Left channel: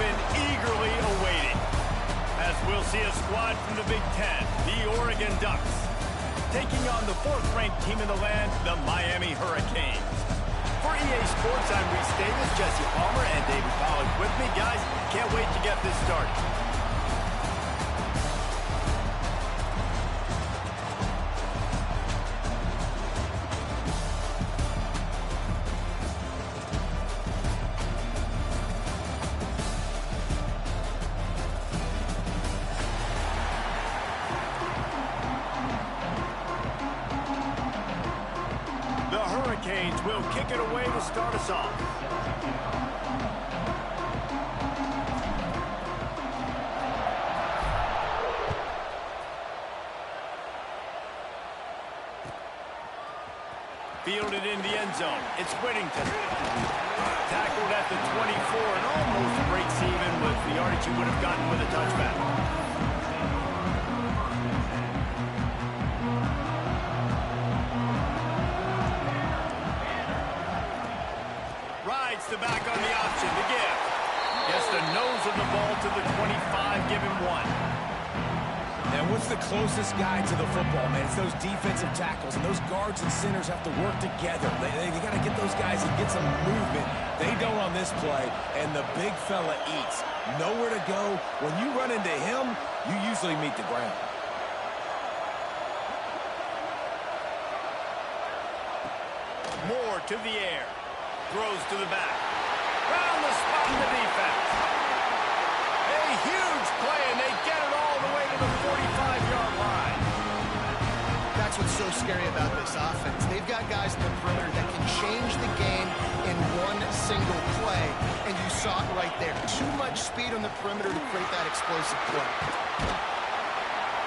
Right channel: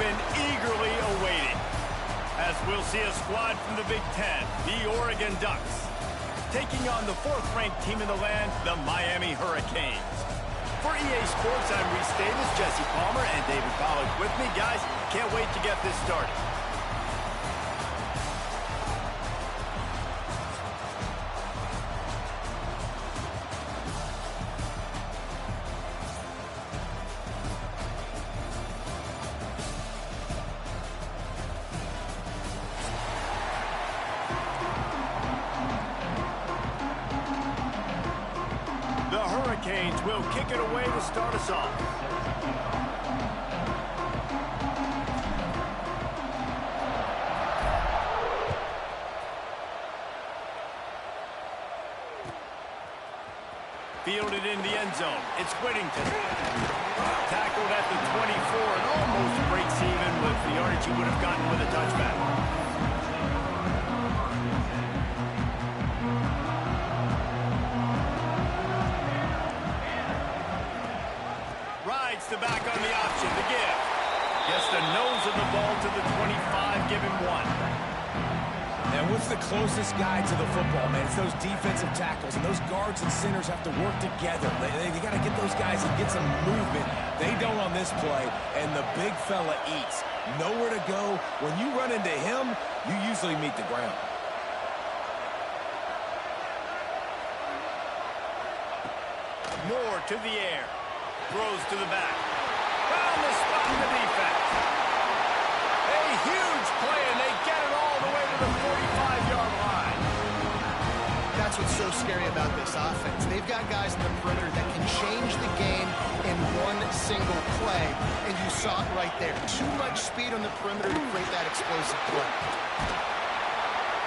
been eagerly awaited, as we'll see a squad from the Big Ten, the Oregon Ducks, taking on the 4th-ranked team in the land, the Miami Hurricanes. For EA Sports, I'm Reese Davis, Jesse Palmer, and David Pollack with me. Guys, can't wait to get this started. Hurricanes will kick it away to start us off. Fielded in the end zone. It's Whittington. Tackled at the 24 and almost breaks even with the yardage he would have gotten with a touchback. The back on the option, the give. Gets the nose of the ball to the 25, give him 1. And what's the closest guy to the football, man? It's those defensive tackles, and those guards and centers have to work together. They got to get those guys and get some movement. They don't on this play, and the big fella eats. Nowhere to go. When you run into him, you usually meet the ground. Moore to the air. Throws to the back. Round the spot in the defense. A huge play, and they get it all the way to the 45-yard line. That's what's so scary about this offense. They've got guys in the perimeter that can change the game in one single play, and you saw it right there. Too much speed on the perimeter to create that explosive play.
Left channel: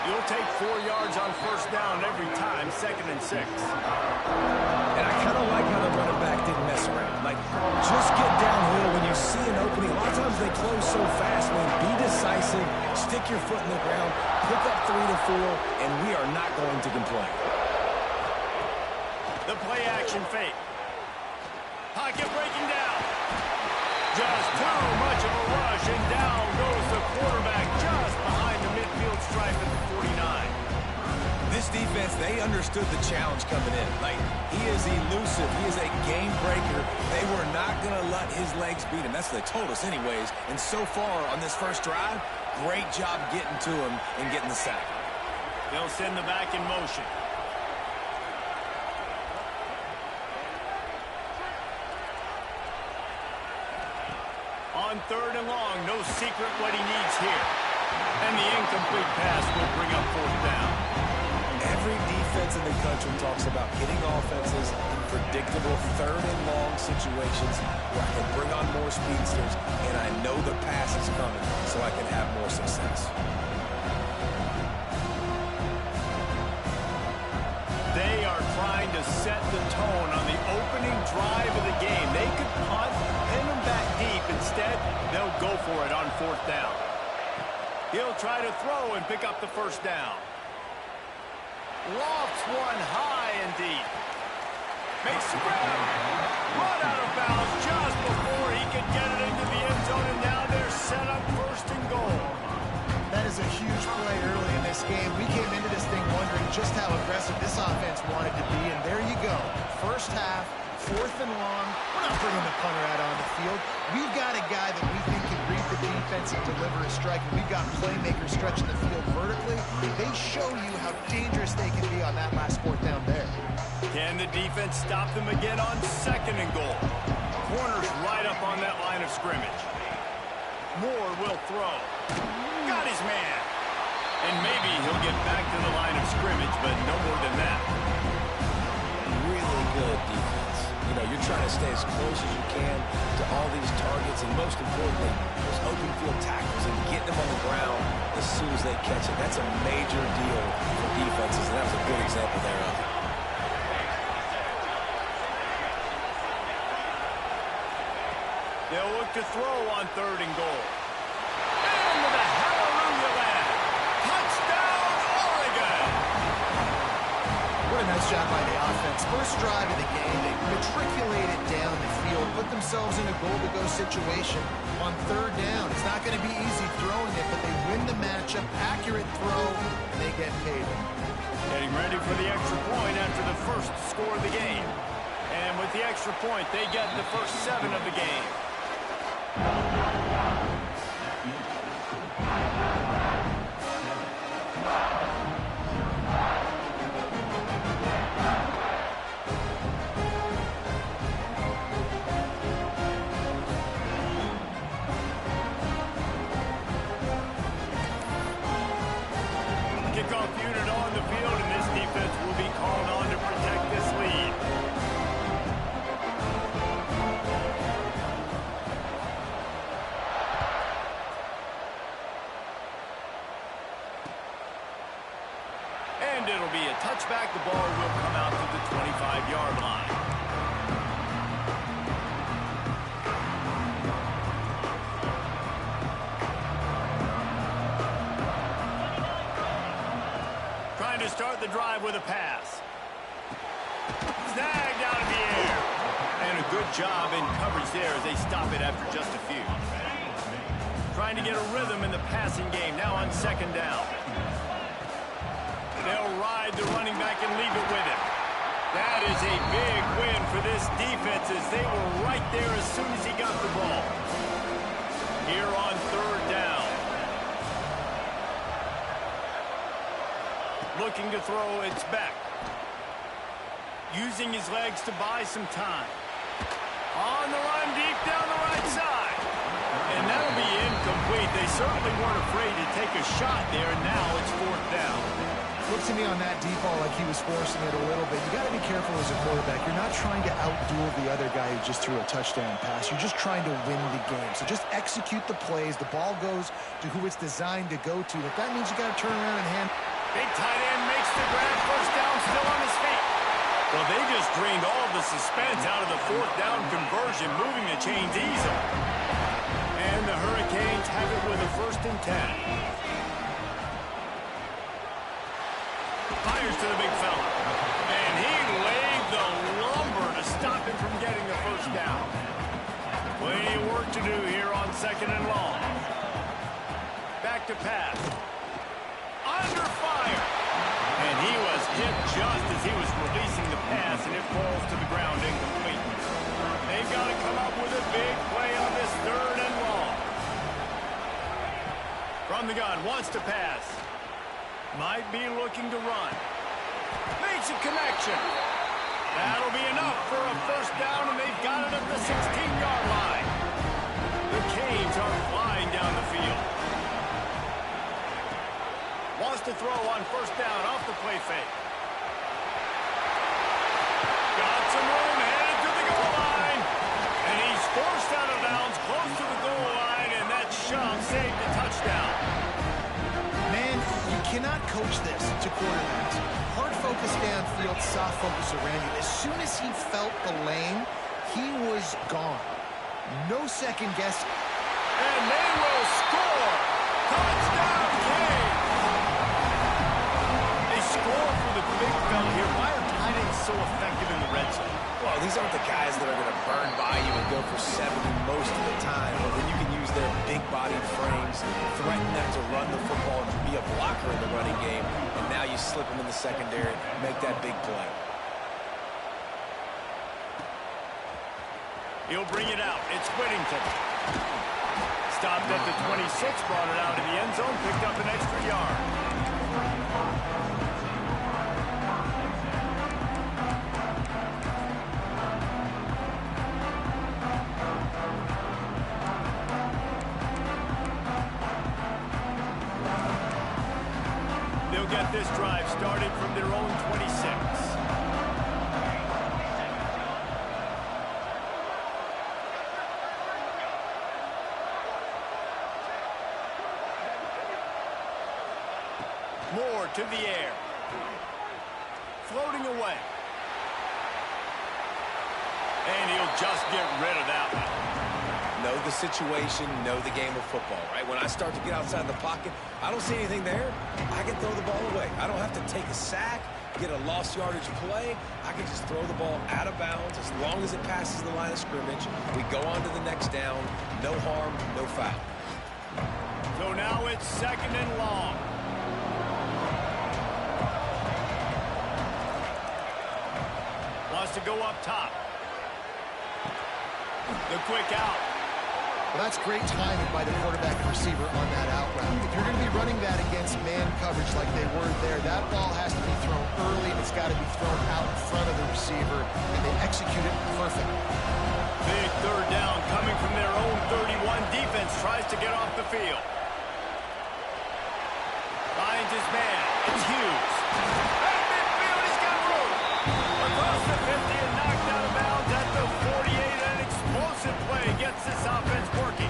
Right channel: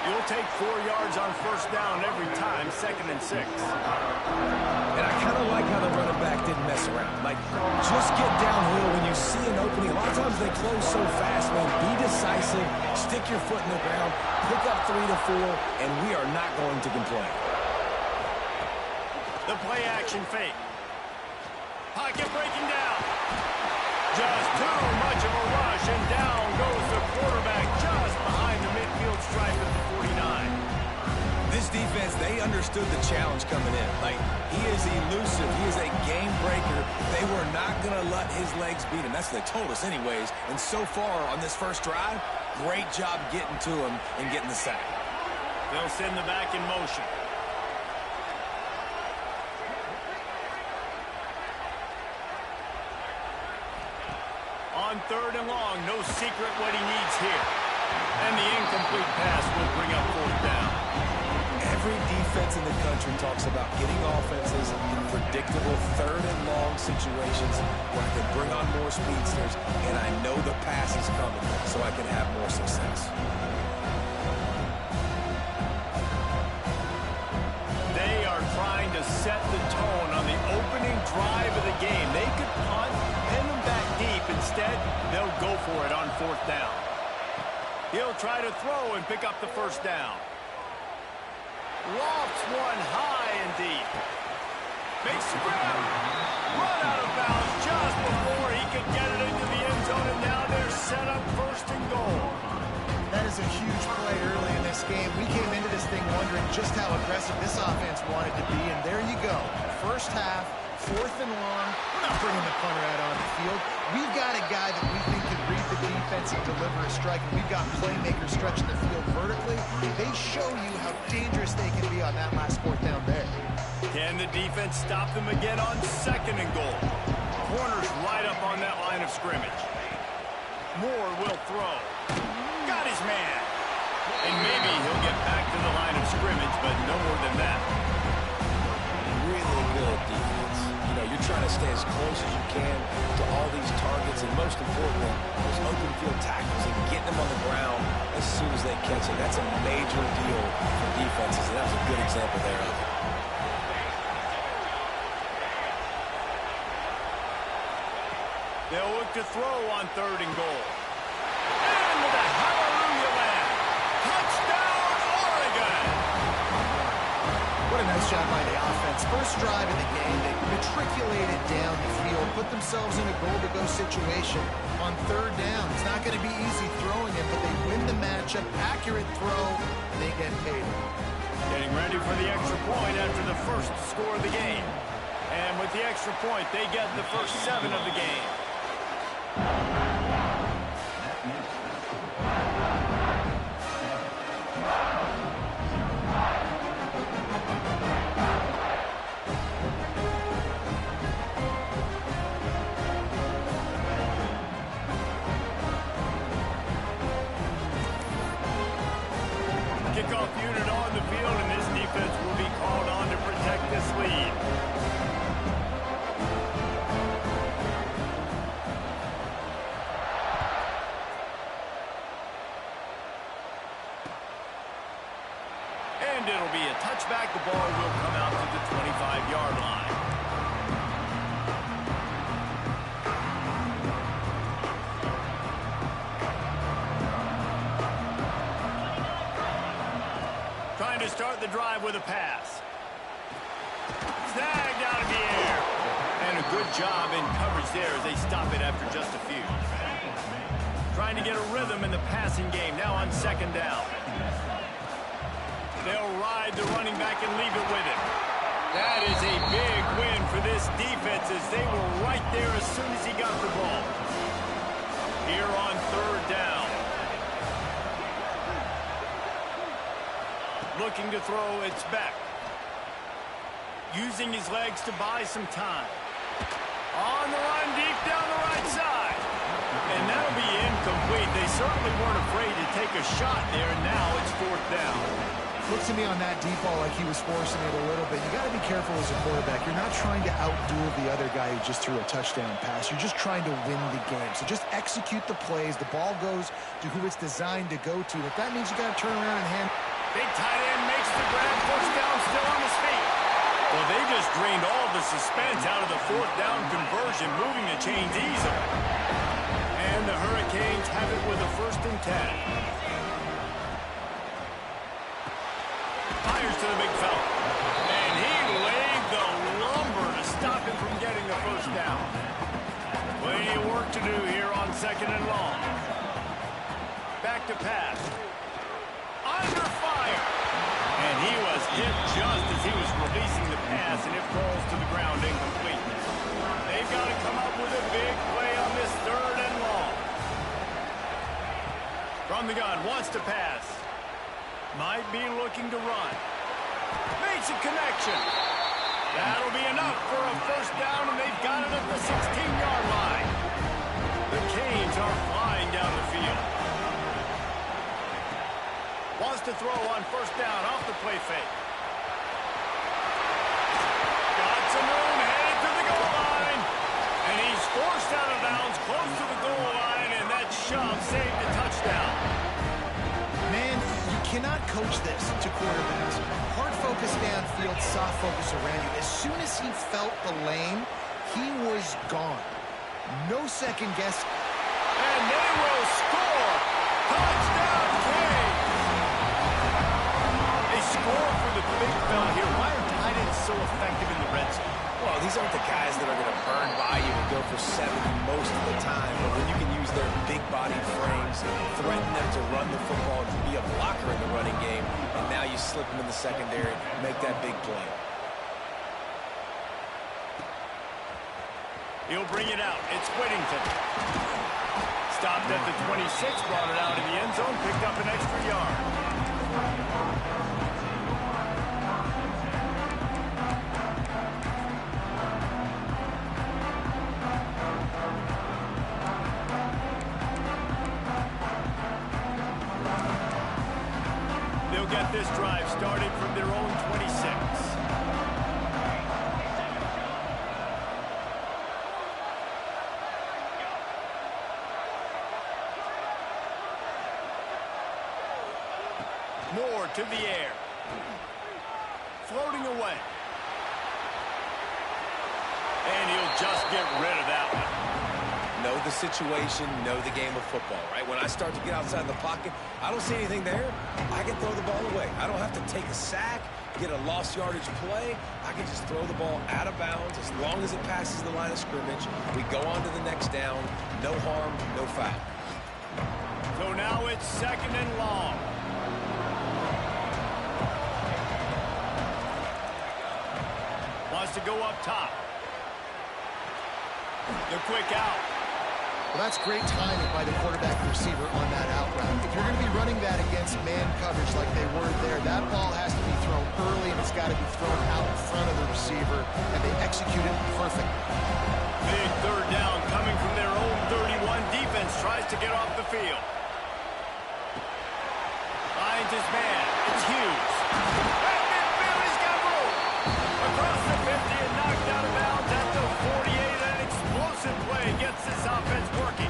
You'll take 4 yards on first down every time, 2nd and 6. And I kind of like how the running back didn't mess around. Like, just get downhill when you see an opening. A lot of times they close so fast, man. Be decisive, stick your foot in the ground, pick up 3 to 4, and we are not going to complain. The play action fake. Pocket breaking down. Just too much of a rush, and down goes the quarterback just behind the midfield stripe at the 49. This defense, they understood the challenge coming in. Like, he is elusive. He is a game breaker. They were not going to let his legs beat him. That's what they told us anyways. And so far on this first drive, great job getting to him and getting the sack. They'll send the back in motion. On 3rd and long, no secret what he needs here. And the incomplete pass will bring up 4th down. Every defense in the country talks about getting offenses in predictable 3rd and long situations where I can bring on more speedsters and I know the pass is coming so I can have more success. They are trying to set the tone on the opening drive of the game. They could punt, pin them back deep. Instead, they'll go for it on 4th down. He'll try to throw and pick up the first down. Lofts one high and deep. Makes the grab. Run out of bounds just before he could get it into the end zone, and now they're set up 1st and goal. That is a huge play early in this game. We came into this thing wondering just how aggressive this offense wanted to be, and there you go. First half, 4th and long. We're not bringing the punter out on the field. We've got a guy that we think can read the defense and deliver a strike, and we've got playmakers stretching the field vertically. They show you how dangerous they can be on that last 4th down there. Can the defense stop them again on 2nd and goal? Corners right up on that line of scrimmage. Moore will throw. Got his man. And maybe he'll get back to the line of scrimmage, but no more than that. Really good defense. You know, you're trying to stay as close as you can to all these targets, and most importantly, those open field tackles and getting them on the ground as soon as they catch it. That's a major deal for defenses, and that was a good example thereof. They'll look to throw on 3rd and goal. Into the hallelujah land. Touchdown, Oregon! What a nice job by the offense. First drive of the game, they matriculated down the field, put themselves in a goal-to-go situation on 3rd down. It's It's not going to be easy throwing it, but they win the matchup. Accurate throw, and they get paid. Getting ready for the extra point after the first score of the game. And with the extra point, they get the first 7 of the game. Kickoff unit on the field, and this defense will be called on to protect this lead. And it'll be a touchback. The ball will come out to the 25-yard line. Trying to start the drive with a pass. Snagged out of the air. And a good job in coverage there as they stop it after just a few. Trying to get a rhythm in the passing game now on 2nd down. They'll ride the running back and leave it with him. That is a big win for this defense as they were right there as soon as he got the ball. Here on 3rd down. Looking to throw, it's Beck. Using his legs to buy some time. On the run deep down the right side. And that'll be incomplete. They certainly weren't afraid to take a shot there. Now it's 4th down. Looks to me on that deep ball like he was forcing it a little bit. You got to be careful as a quarterback. You're not trying to outduel the other guy who just threw a touchdown pass. You're just trying to win the game. So just execute the plays. The ball goes to who it's designed to go to. If that means you got to turn around and hand. Big tight end makes the grab. 1st down, still on his feet. Well, they just drained all the suspense out of the 4th down conversion, moving the chains easily. And the Hurricanes have it with a 1st and 10. Fires to the big fella. And he laid the lumber to stop him from getting the 1st down. Plenty of work to do here on 2nd and long. Back to pass. Under fire. And he was hit just as he was releasing the pass, and it falls to the ground incomplete. They've got to come up with a big play on this 3rd and long. From the gun, wants to pass. Might be looking to run. Makes a connection. That'll be enough for a 1st down, and they've got it at the 16-yard line. The Canes are flying down the field. Wants to throw on 1st down off the play fake. Got some room, headed to the goal line. And he's forced out of bounds, close to the goal line, and that shove saved a touchdown. Man, you cannot coach this to quarterbacks. Hard focus downfield, soft focus around you. As soon as he felt the lane, he was gone. No second guess. And they will score. Touchdown, Canes. They score for the big fella here. Why are tight ends so effective in the red zone? Well, these aren't the guys that are going to burn by you and go for 70 most of the time. But when you can use their big-bodied frames, threaten them to run the football and be a blocker in the running game, and now you slip them in the secondary, make that big play. He'll bring it out. It's Whittington. Stopped at the 26, brought it out of the end zone, picked up an extra yard. They'll get this drive started from their own 26. Moore to the air. Floating away. And he'll just get rid of that one. Know the situation, know the game of football, right? When I start to get outside the pocket, I don't see anything there, I can throw the ball away. I don't have to take a sack, get a lost yardage play. I can just throw the ball out of bounds as long as it passes the line of scrimmage. We go on to the next down. No harm, no foul. So now it's 2nd and long. Wants to go up top. The quick out. Well, that's great timing by the quarterback and receiver on that out route. If you're going to be running that against man coverage like they were there, that ball has to be thrown early, and it's got to be thrown out in front of the receiver, and they execute it perfectly. Big 3rd down coming from their own 31. Defense tries to get off the field. Finds his man. It's Hughes. At midfield, he's got room. Across the 50 and knocked out of bounds at the 48. An explosive play gets this offense working.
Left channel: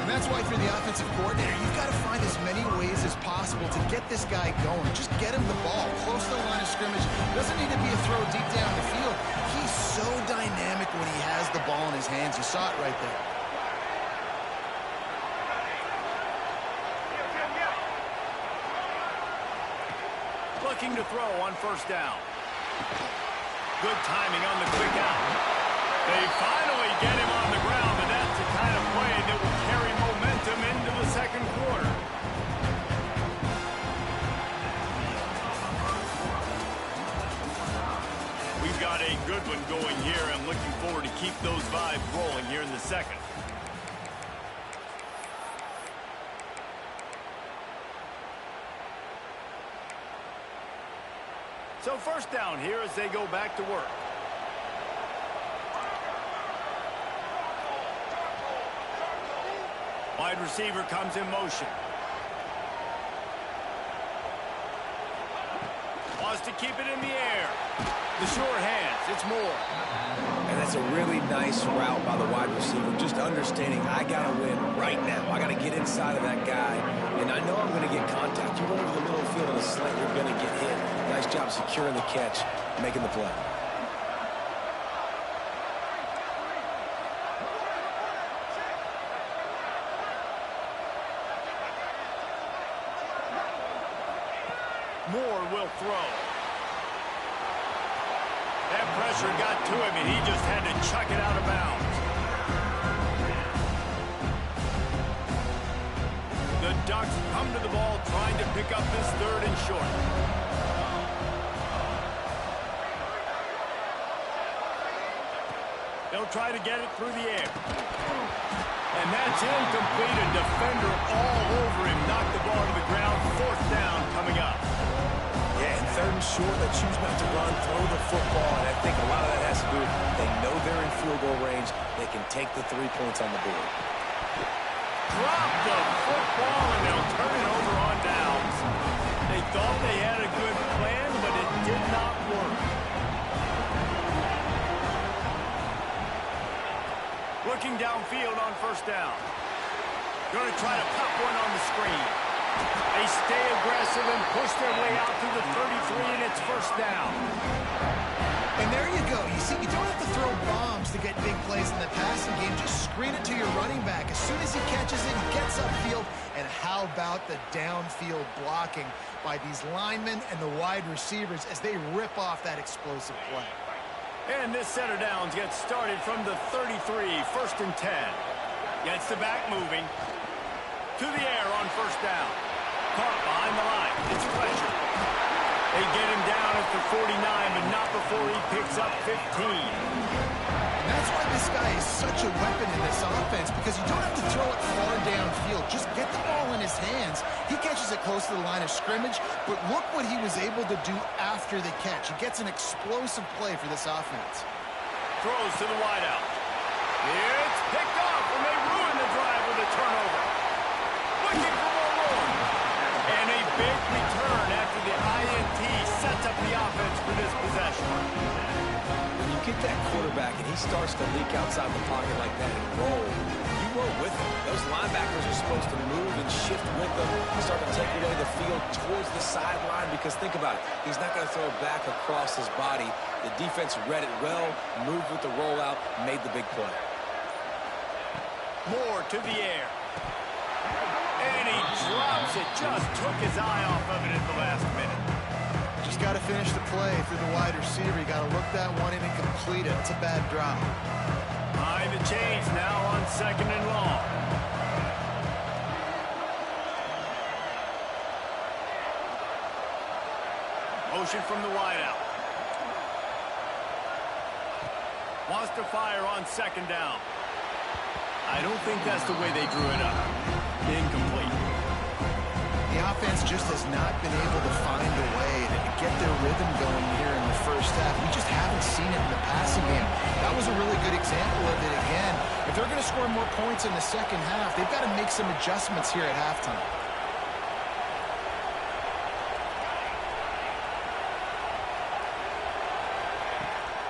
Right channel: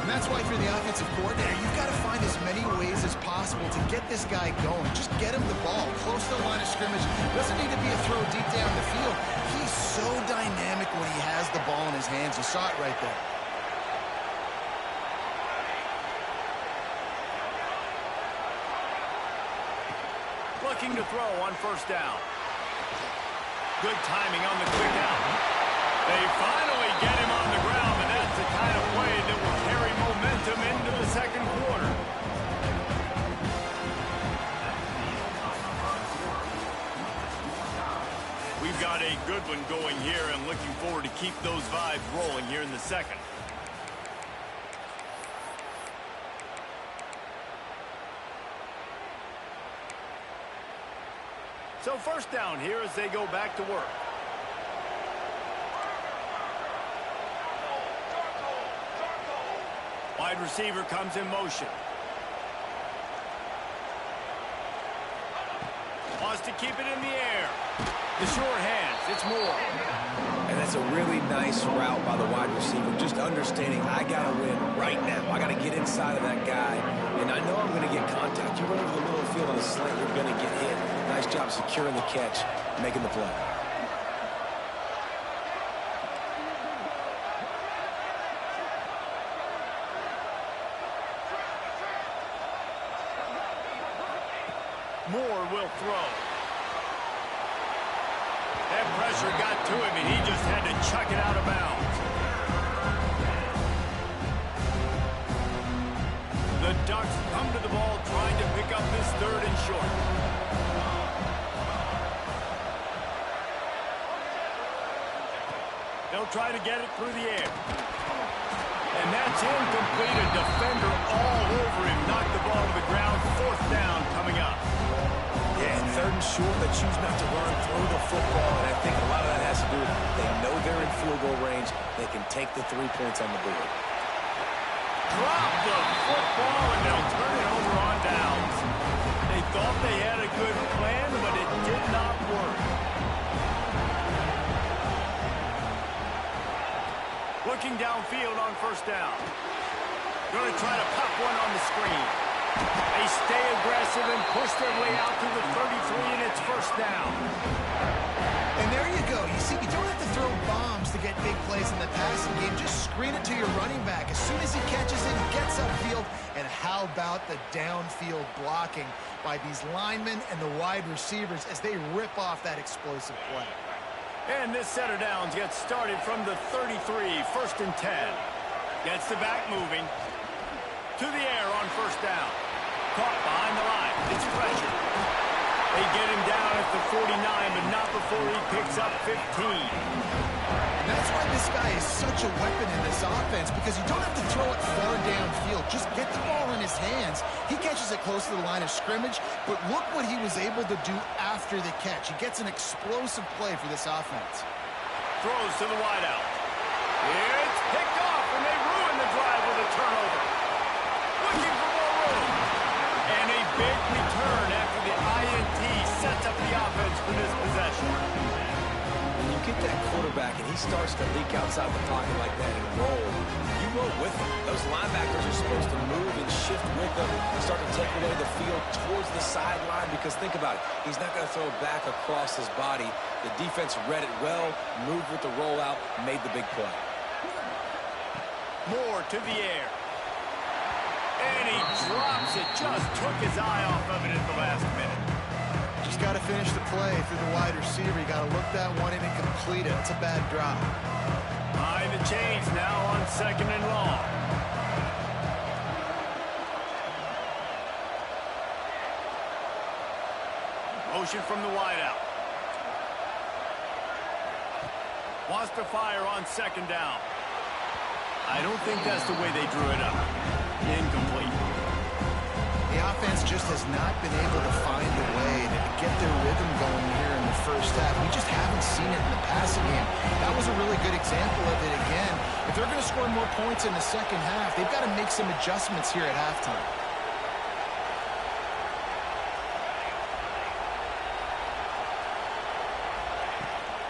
And that's why if you're the offensive coordinator, you've got to find as many ways as possible to get this guy going. Just get him the ball close to the line of scrimmage. Doesn't need to be a throw deep down the field. He's so dynamic when he has the ball in his hands. You saw it right there. Looking to throw on 1st down. Good timing on the quick out. They finally get him on the ground, and that's the kind of play that will carry momentum into the 2nd quarter. We've got a good one going here, and looking forward to keep those vibes rolling here in the 2nd. So 1st down here as they go back to work. Wide receiver comes in motion. Wants to keep it in the air. The short hands, it's Moore. And that's a really nice route by the wide receiver, just understanding I got to win right now. I got to get inside of that guy, and I know I'm going to get contact. You run over the middle of the field on a slant, you're going to get hit. Nice job securing the catch, making the play. Moore will throw. That pressure got to him, and he just had to chuck it out of bounds. The Ducks come to the ball trying to pick up this 3rd and short. They'll try to get it through the air. And that's incomplete. A defender all over him. Knocked the ball to the ground. 4th down coming up. Yeah, and 3rd and short, they choose not to run, throw the football, and I think a lot of that has to do with they know they're in field goal range. They can take the 3 points on the board. Drop the football, and they'll turn it over on downs. They thought they had a good plan, but it did not work. Looking downfield on 1st down. Going to try to pop one on the screen. They stay aggressive and push their way out to the 33, and it's 1st down. And there you go. You see, you don't have to throw bombs to get big plays in the passing game. Just screen it to your running back. As soon as he catches it, he gets upfield. And how about the downfield blocking by these linemen and the wide receivers as they rip off that explosive play. And this set of downs gets started from the 33, 1st and 10. Gets the back moving. To the air on 1st down. Caught behind the line. It's Fletcher. They get him down at the 49, but not before he picks up 15. And that's why this guy is such a weapon in this offense, because you don't have to throw it far downfield. Just get the ball in his hands. He catches it close to the line of scrimmage, but look what he was able to do after the catch. He gets an explosive play for this offense. Throws to the wideout. It's picked off, and they ruin the drive with a turnover. Looking for more room. And a big return after the INT sets up the offense for this possession. When you get that quarterback and he starts to leak outside the pocket like that and roll, you roll with him. Those linebackers are supposed to move and shift with them, start to take away the field towards the sideline, because think about it. He's not going to throw it back across his body. The defense read it well, moved with the rollout, made the big play. Moore to the air. And he drops it. Just took his eye off of it at the last minute. Just got to finish the play through the wide receiver. You got to look that one in and complete it. It's a bad drop. Behind the chains now on 2nd and long. motion from the wideout. Wants to fire on second down. I don't think that's the way they drew it up. Incomplete. The offense just has not been able to find a way to get their rhythm going here in the first half. We just haven't seen it in the passing game. That was a really good example of it again. If they're going to score more points in the second half, they've got to make some adjustments here at halftime.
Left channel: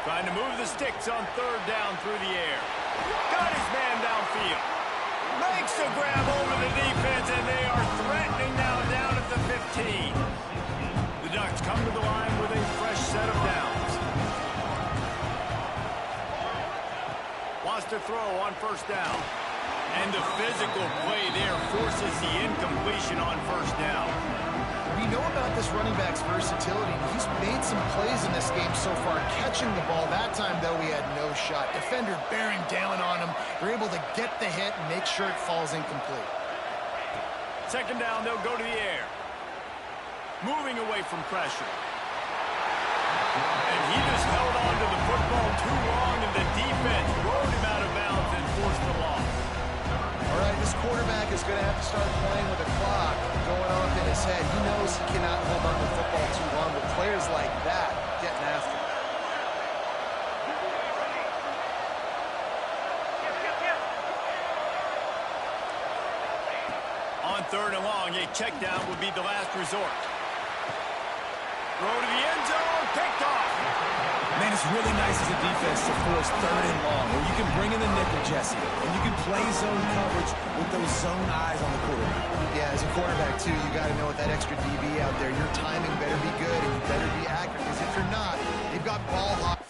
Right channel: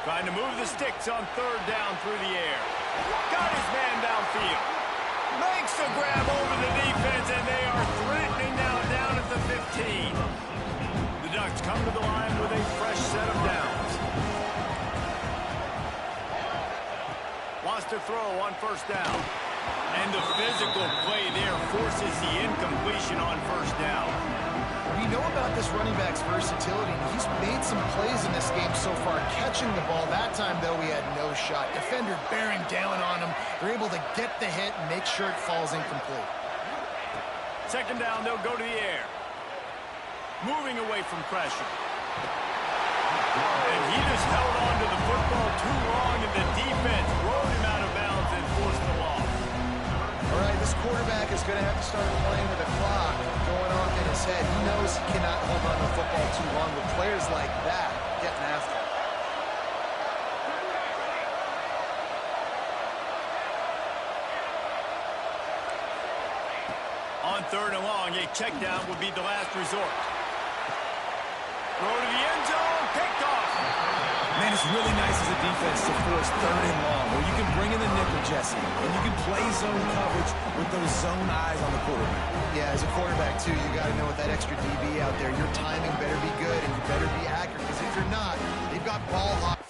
Trying to move the sticks on third down through the air. Got his man downfield. Makes the grab over the defense, and they are threatening now down at the 15. The Ducks come to the line with a fresh set of downs. Wants to throw on first down. And the physical play there forces the incompletion on first down. We know about this running back's versatility, and he's made some plays in this game so far, catching the ball. That time, though, he had no shot. Defender bearing down on him. They're able to get the hit and make sure it falls incomplete. Second down, they'll go to the air. Moving away from pressure. And he just held on to the football too long, and the defense rode him out of bounds and forced the loss. All right, this quarterback is going to have to start playing with a clock going off in his head. He knows he cannot hold on to the football too long with players like that getting after him. On third and long, a check down would be the last resort. Throw to the end zone, picked off. Man, it's really nice as a defense to force third and long, where you can bring in the nickel, Jesse, and you can play zone coverage with those zone eyes on the quarterback. Yeah, as a quarterback, too, you got to know with that extra DB out there, your timing better be good and you better be accurate, because if you're not, they've got ball hawk.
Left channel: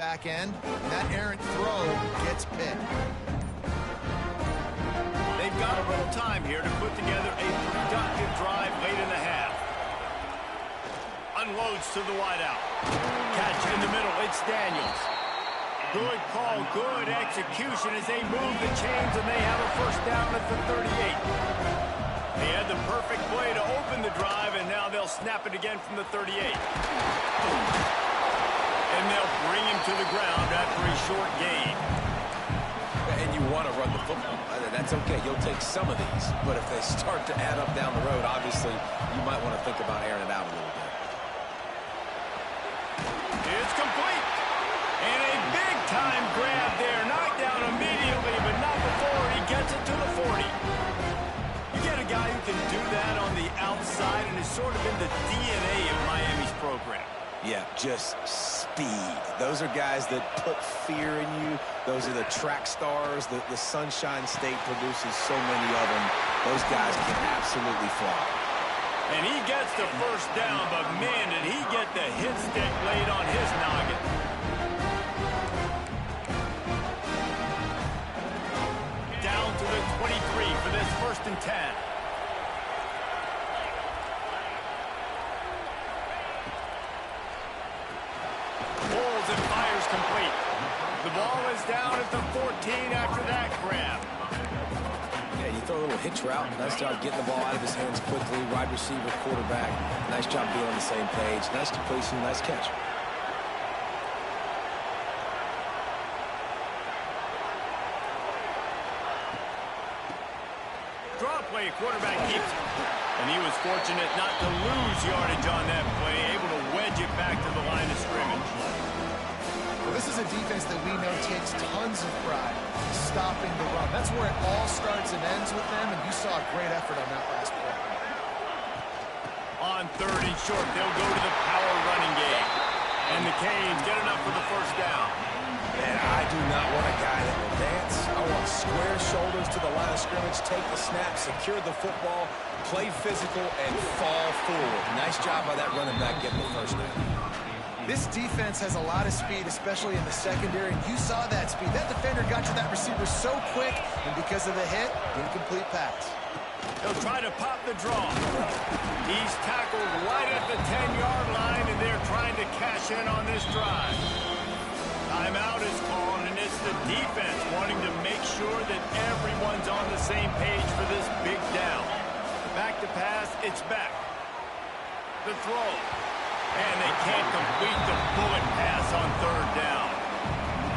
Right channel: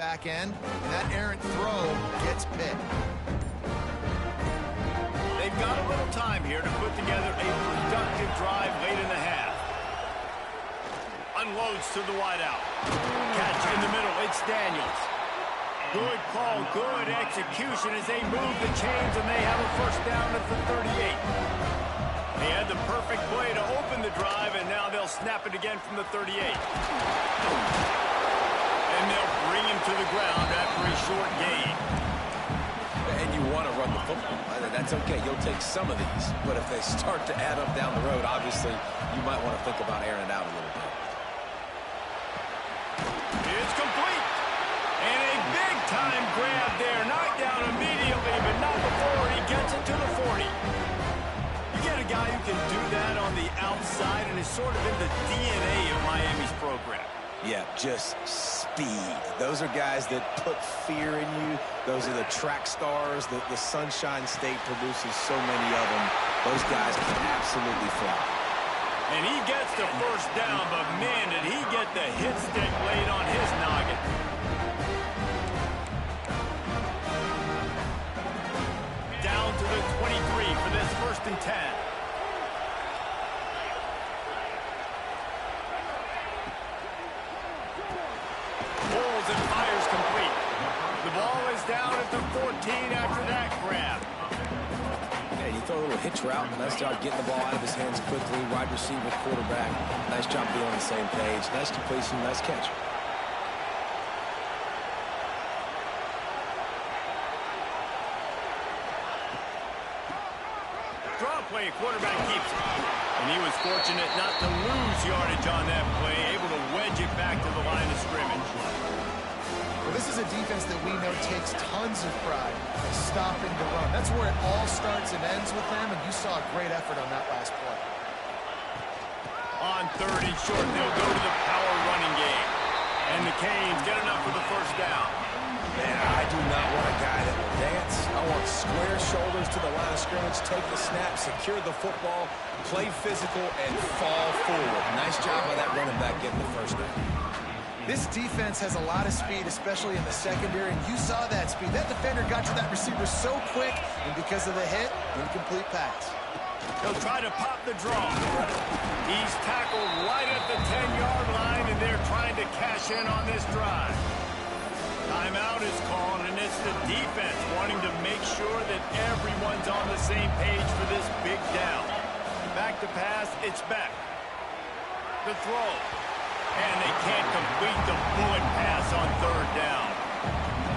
back end, and that errant throw gets picked. They've got a little time here to put together a productive drive late in the half. Unloads to the wideout. Catch in the middle. It's Daniels. Good call, good execution as they move the chains, and they have a first down at the 38. They had the perfect play to open the drive, and now they'll snap it again from the 38. And they'll bring him to the ground after a short gain. And you want to run the football. That's okay. You'll take some of these. But if they start to add up down the road, obviously, you might want to think about airing it out a little bit. It's complete. And a big-time grab there. Knocked down immediately, but not before he gets it to the 40. You get a guy who can do that on the outside and is sort of in the DNA of Miami's program. Yeah, just speed. Those are guys that put fear in you. Those are the track stars. The Sunshine State produces so many of them. Those guys can absolutely fly. And he gets the first down, but man, did he get the hit stick laid on his noggin. Down to the 23 for this 1st and 10. Pulls and fires complete. The ball is down at the 14 after that grab. Yeah, you throw a little hitch route. Nice job getting the ball out of his hands quickly. Wide receiver, quarterback. Nice job being on the same page. Nice completion, nice catch. Draw play, quarterback keeps it. And he was fortunate not to lose yardage on that play, able to wedge it back to the line of scrimmage. Well, this is a defense that we know takes tons of pride stopping the run. That's where it all starts and ends with them, and you saw a great effort on that last play. On 3rd and short, they'll go to the power running game. And the Canes get enough for the first down. Man, I do not want a guy that will dance. I want square shoulders to the line of scrimmage, take the snap, secure the football, play physical, and fall forward. Nice job by that running back getting the first down. This defense has a lot of speed, especially in the secondary, and you saw that speed. That defender got to that receiver so quick, and because of the hit, incomplete pass. They'll try to pop the draw. He's tackled right at the 10-yard line, and they're trying to cash in on this drive. Timeout is called, and it's the defense wanting to make sure that everyone's on the same page for this big down. Back to pass, it's back. The throw. And they can't complete the bullet pass on 3rd down.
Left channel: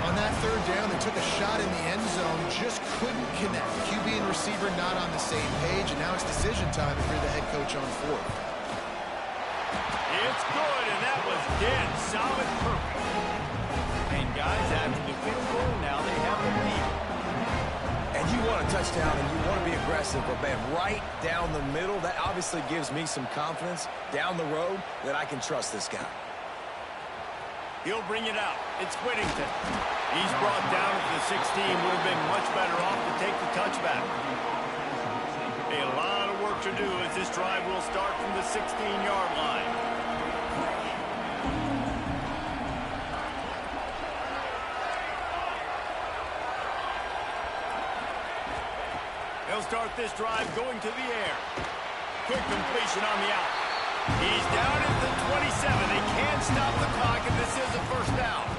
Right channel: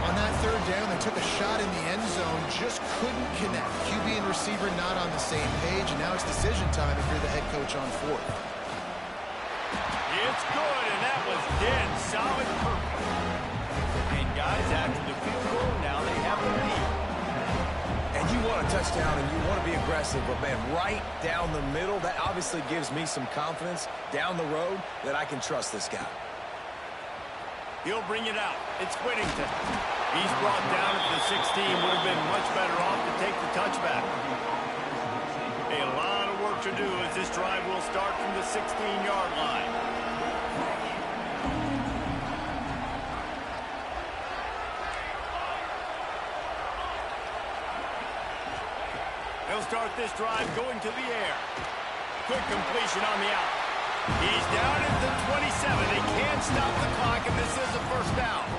On that 3rd down, they took a shot in the end zone, just couldn't connect. QB and receiver not on the same page, and now it's decision time if you're the head coach on 4th. It's good, and that was dead solid perfect. And guys, after the field goal, now they have a lead. And you want a touchdown, and you want to be aggressive, but, man, right down the middle, that obviously gives me some confidence down the road that I can trust this guy. He'll bring it out. It's Whittington. He's brought down at the 16. Would have been much better off to take the touchback. A lot of work to do as this drive will start from the 16-yard line. They'll start this drive going to the air. Quick completion on the out. He's down at the 27. They can't stop the clock, and this is a first down.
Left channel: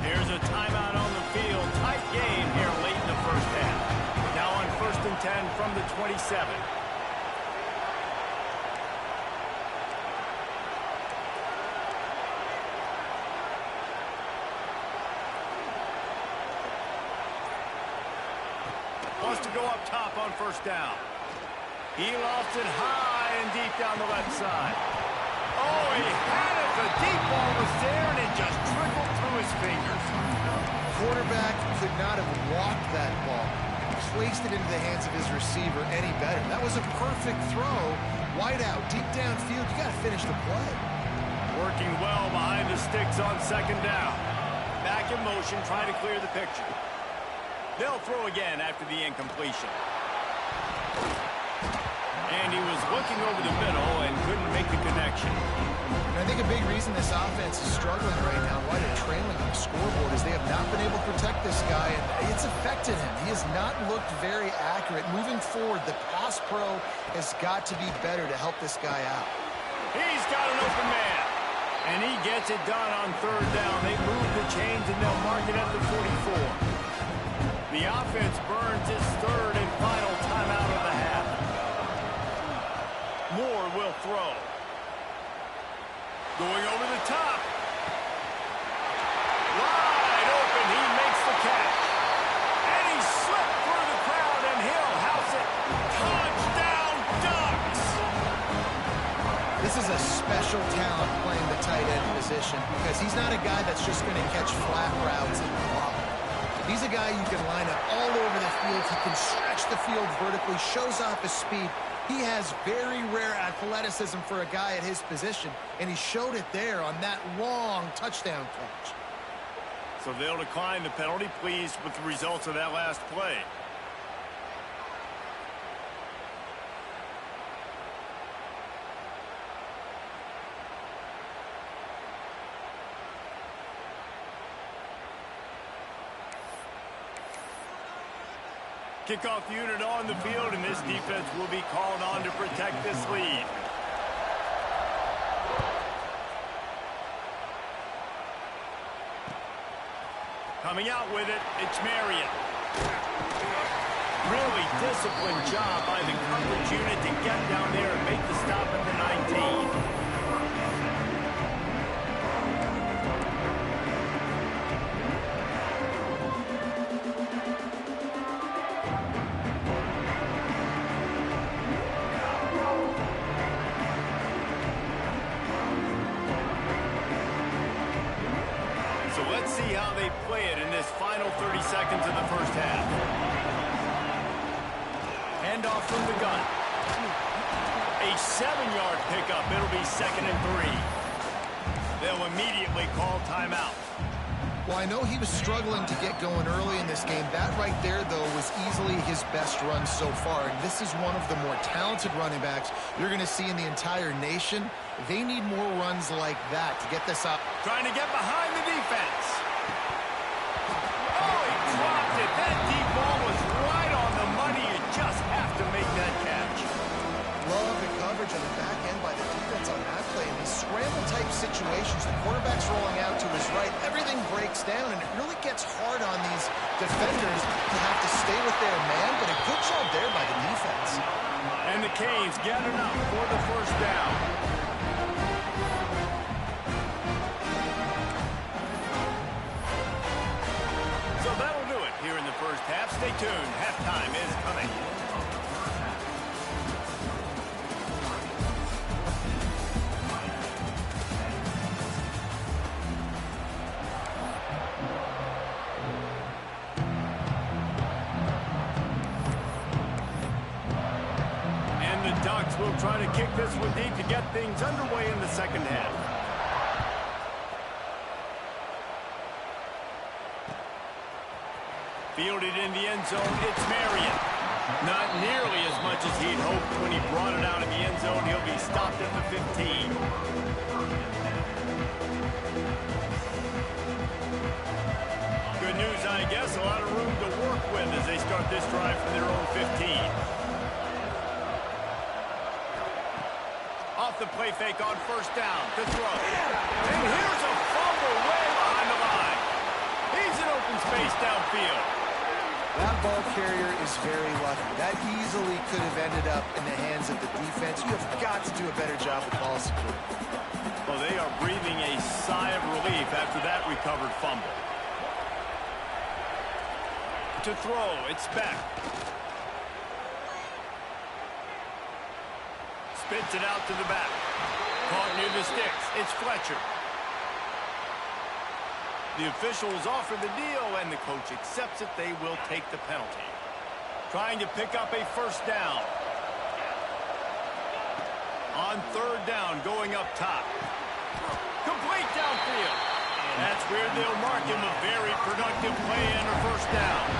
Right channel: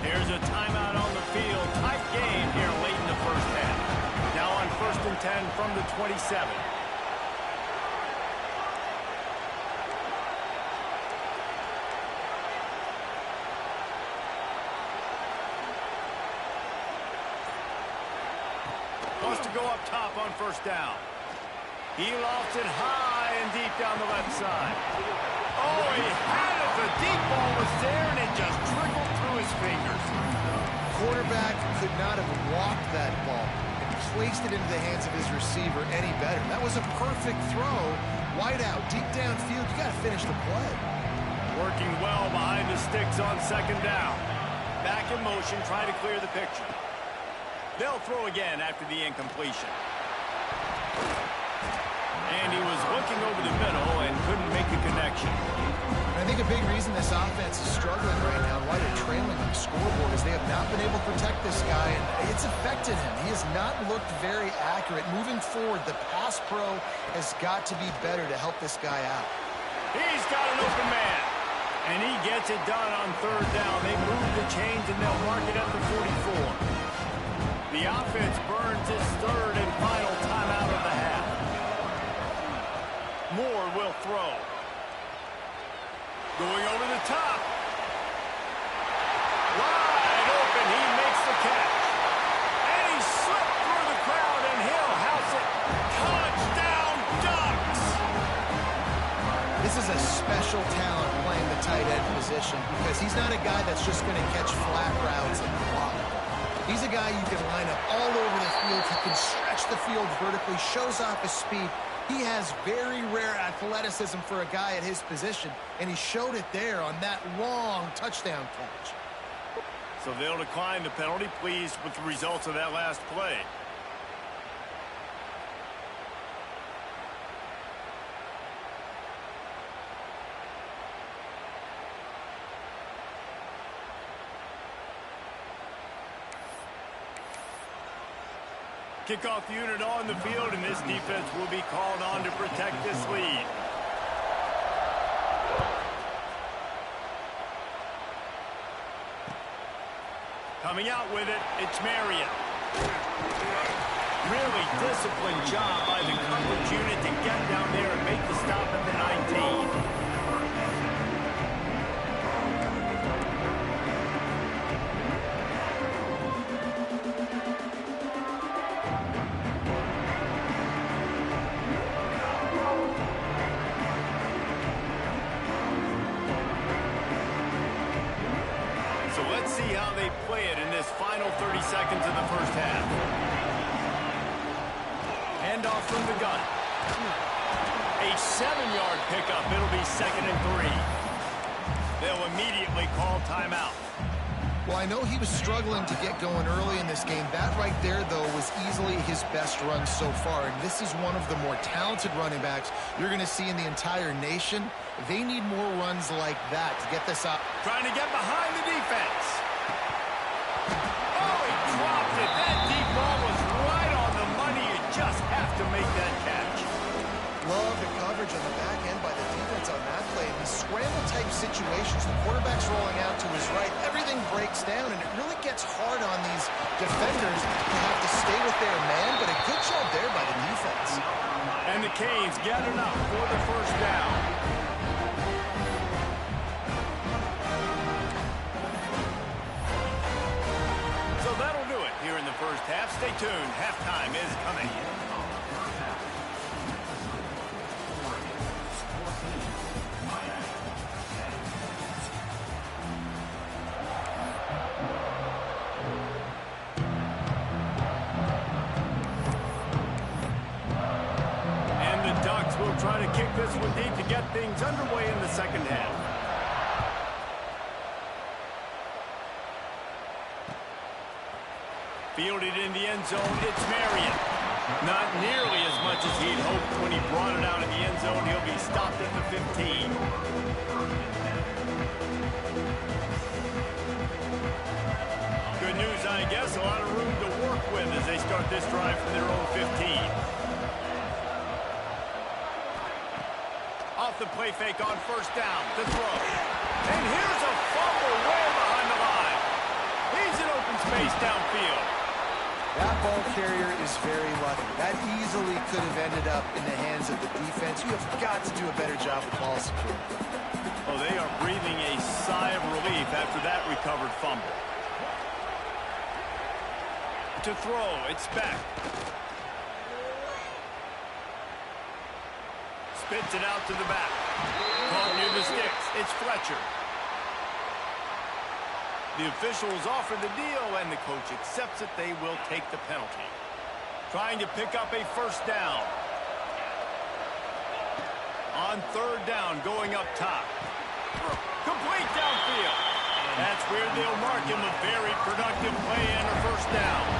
There's a timeout on the field. Tight game here late in the first half. Now on 1st and 10 from the 27. Wants to go up top on 1st down. He lofts it high and deep down the left side. Oh, he had it. The deep ball was there, and it just trickled through his fingers. Quarterback could not have walked that ball and placed it into the hands of his receiver any better. That was a perfect throw. Wide out, deep downfield. You got to finish the play. Working well behind the sticks on 2nd down. Back in motion, trying to clear the picture. They'll throw again after the incompletion. And he was looking over the middle and couldn't make the connection. I think a big reason this offense is struggling right now, why they're trailing on the scoreboard, is they have not been able to protect this guy, and it's affected him. He has not looked very accurate. Moving forward, the pass pro has got to be better to help this guy out. He's got an open man, and he gets it done on third down. They move the chains, and they'll mark it at the 44. The offense burns its third and final timeout of the half. Moore will throw. Going over the top. Wide open. He makes the catch. And he slipped through the crowd, and he'll house it. Touchdown, Ducks! This is a special talent playing the tight end position because he's not a guy that's just going to catch flat routes and block. He's a guy you can line up all over the field. He can stretch the field vertically, shows off his speed. He has very rare athleticism for a guy at his position, and he showed it there on that long touchdown catch. So they'll decline the penalty, pleased with the results of that last play. Kickoff unit on the field, and this defense will be called on to protect this lead. Coming out with it, it's Marion. Really disciplined job by the coverage unit to get down there and make the stop at the 19. How they play it in this final 30 seconds of the first half. Handoff from the gun. A 7-yard pickup. It'll be 2nd and 3. They'll immediately call timeout. Well, I know he was struggling to get going early in this game. That right there, though, was easily his best run so far. And this is one of the more talented running backs you're going to see in the entire nation. They need more runs like that to get this up. Trying to get behind the defense. Oh, he dropped it. That deep ball was right on the money. You just have to make that catch. Love the coverage on the back end by the defense on that play. In these scramble-type situations, the quarterback's rolling out to his right. Everything breaks down, and it really gets hard on these defenders to have to stay with their man, but a good job there by the defense. And the Canes get enough for the first down. So that'll do it here in the first half. Stay tuned. Halftime is coming. Will try to kick this one deep to get things underway in the second half. Fielded in the end zone, it's Marion. Not nearly as much as he'd hoped when he brought it out in the end zone. He'll be stopped at the 15. Good news, I guess. A lot of room to work with as they start this drive from their own 15. Off the play fake on first down to throw. And here's a fumble way behind the line. He's in open space downfield. That ball carrier is very lucky. That easily could have ended up in the hands of the defense. You have got to do a better job with ball security. Oh, they are breathing a sigh of relief after that recovered fumble. To throw, it's Beck. Spits it out to the back. Caught near the sticks. It's Fletcher. The officials offer the deal, and the coach accepts it. They will take the penalty. Trying to pick up a first down. On third down, going up top. Complete downfield. That's where they'll mark him. A very productive play and a first down.